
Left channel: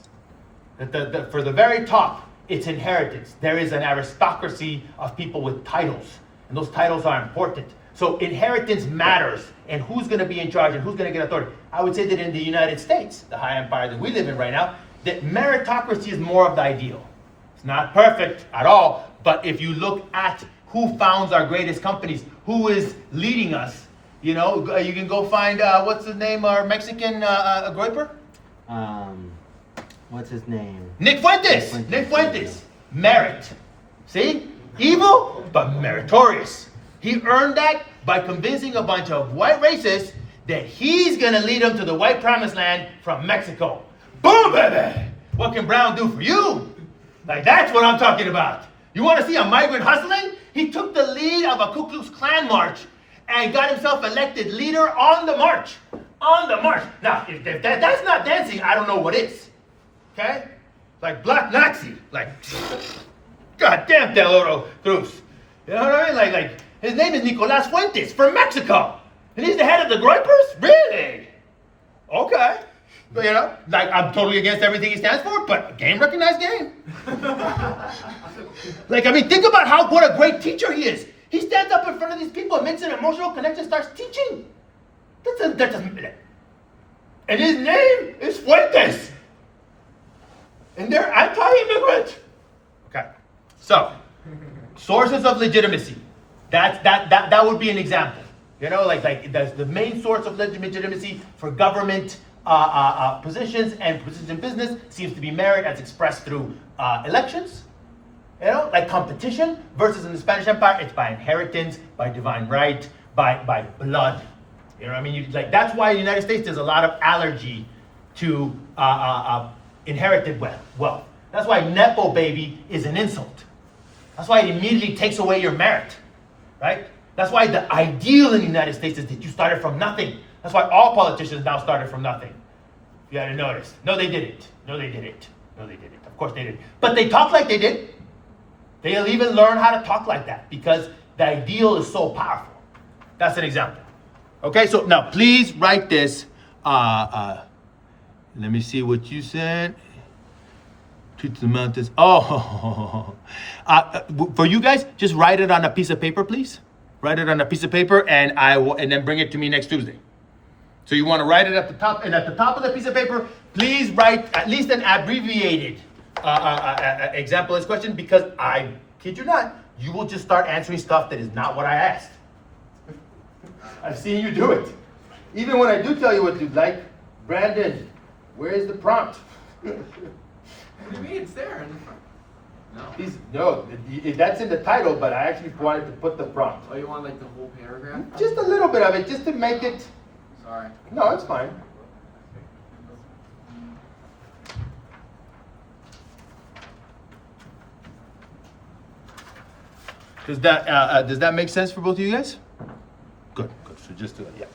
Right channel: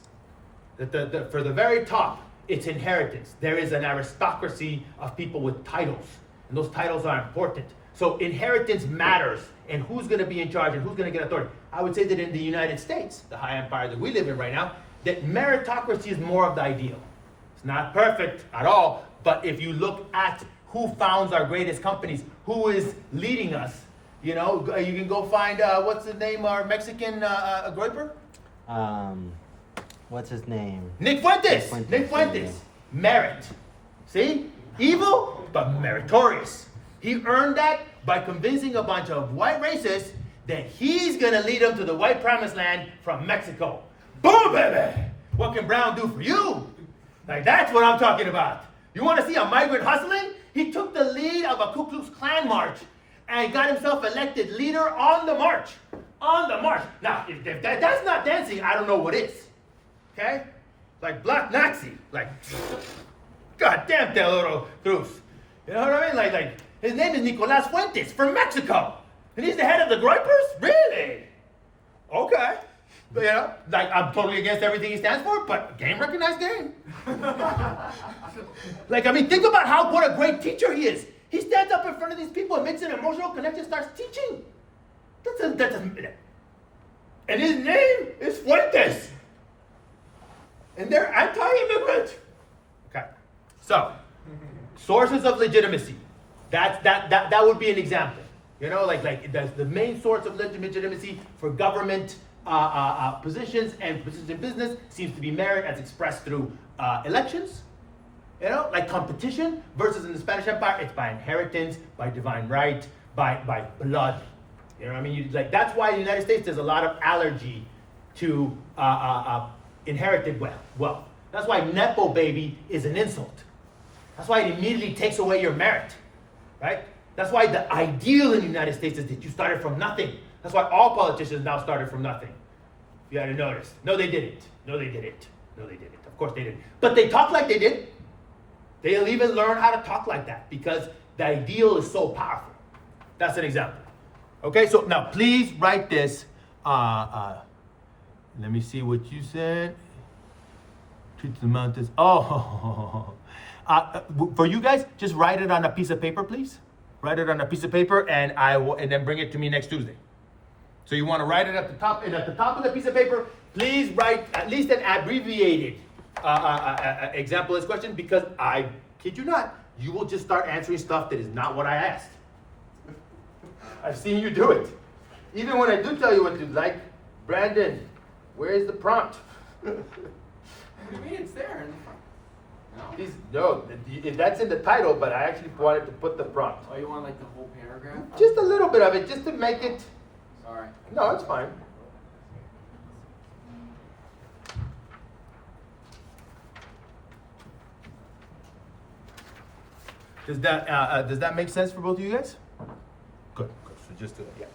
That for the very top, it's inheritance. There is an aristocracy of people with titles, and those titles are important. So inheritance matters, and who's going to be in charge and who's going to get authority. I would say that in the United States, the high empire that we live in right now, that meritocracy is more of the ideal. It's not perfect at all, but if you look at who founds our greatest companies, who is leading us, you know, you can go find, what's the name, our Mexican Groiper? What's his name? Nick Fuentes. Nick Fuentes. Merit. See? Evil, but meritorious. He earned that by convincing a bunch of white racists that he's gonna lead them to the white promised land from Mexico. Boom, baby! What can Brown do for you? Like, that's what I'm talking about. You wanna see a migrant hustling? He took the lead of a Ku Klux Klan march and got himself elected leader on the march. On the march. Now, if that's not dancing, I don't know what is. Okay? Like Black Nazi. Like, goddamn Del Oro Cruz. You know what I mean? Like, his name is Nicolas Fuentes from Mexico. And he's the head of the Groypers? Really? Okay. But, you know, like, I'm totally against everything he stands for, but game recognized game. Like, I mean, think about what a great teacher he is. He stands up in front of these people and makes an emotional connection, starts teaching. And his name is Fuentes. And they're anti-immigrant. Okay. So, sources of legitimacy. That would be an example. You know, like that's the main source of legitimacy for government positions and positions in business seems to be merit as expressed through elections. You know, like competition versus in the Spanish Empire, it's by inheritance, by divine right, by blood. You know what I mean? That's why in the United States there's a lot of allergy to inherited wealth. That's why Nepo baby is an insult. That's why it immediately takes away your merit, right? That's why the ideal in the United States is that you started from nothing. That's why all politicians now started from nothing. You had to notice. No, they didn't. No, they didn't. No, they didn't. Of course they didn't. But they talk like they did. They'll even learn how to talk like that because the ideal is so powerful. That's an example. Okay, so now please write this. Let me see what you said. Truth to the mountains. For you guys, just write it on a piece of paper, please. Write it on a piece of paper, and then bring it to me next Tuesday. So you want to write it at the top, and at the top of the piece of paper, please write at least an abbreviated example of this question, because I kid you not, you will just start answering stuff that is not what I asked. I've seen you do it. Even when I do tell you what to like, Brandon, where is the prompt? What do you mean? It's there in the front. No, that's in the title, but I actually wanted to put the prompt. Oh, you want like the whole paragraph? Just a little bit of it, just to make it. Sorry. No, it's fine. Does that make sense for both of you guys? Good. So just do that. Yeah.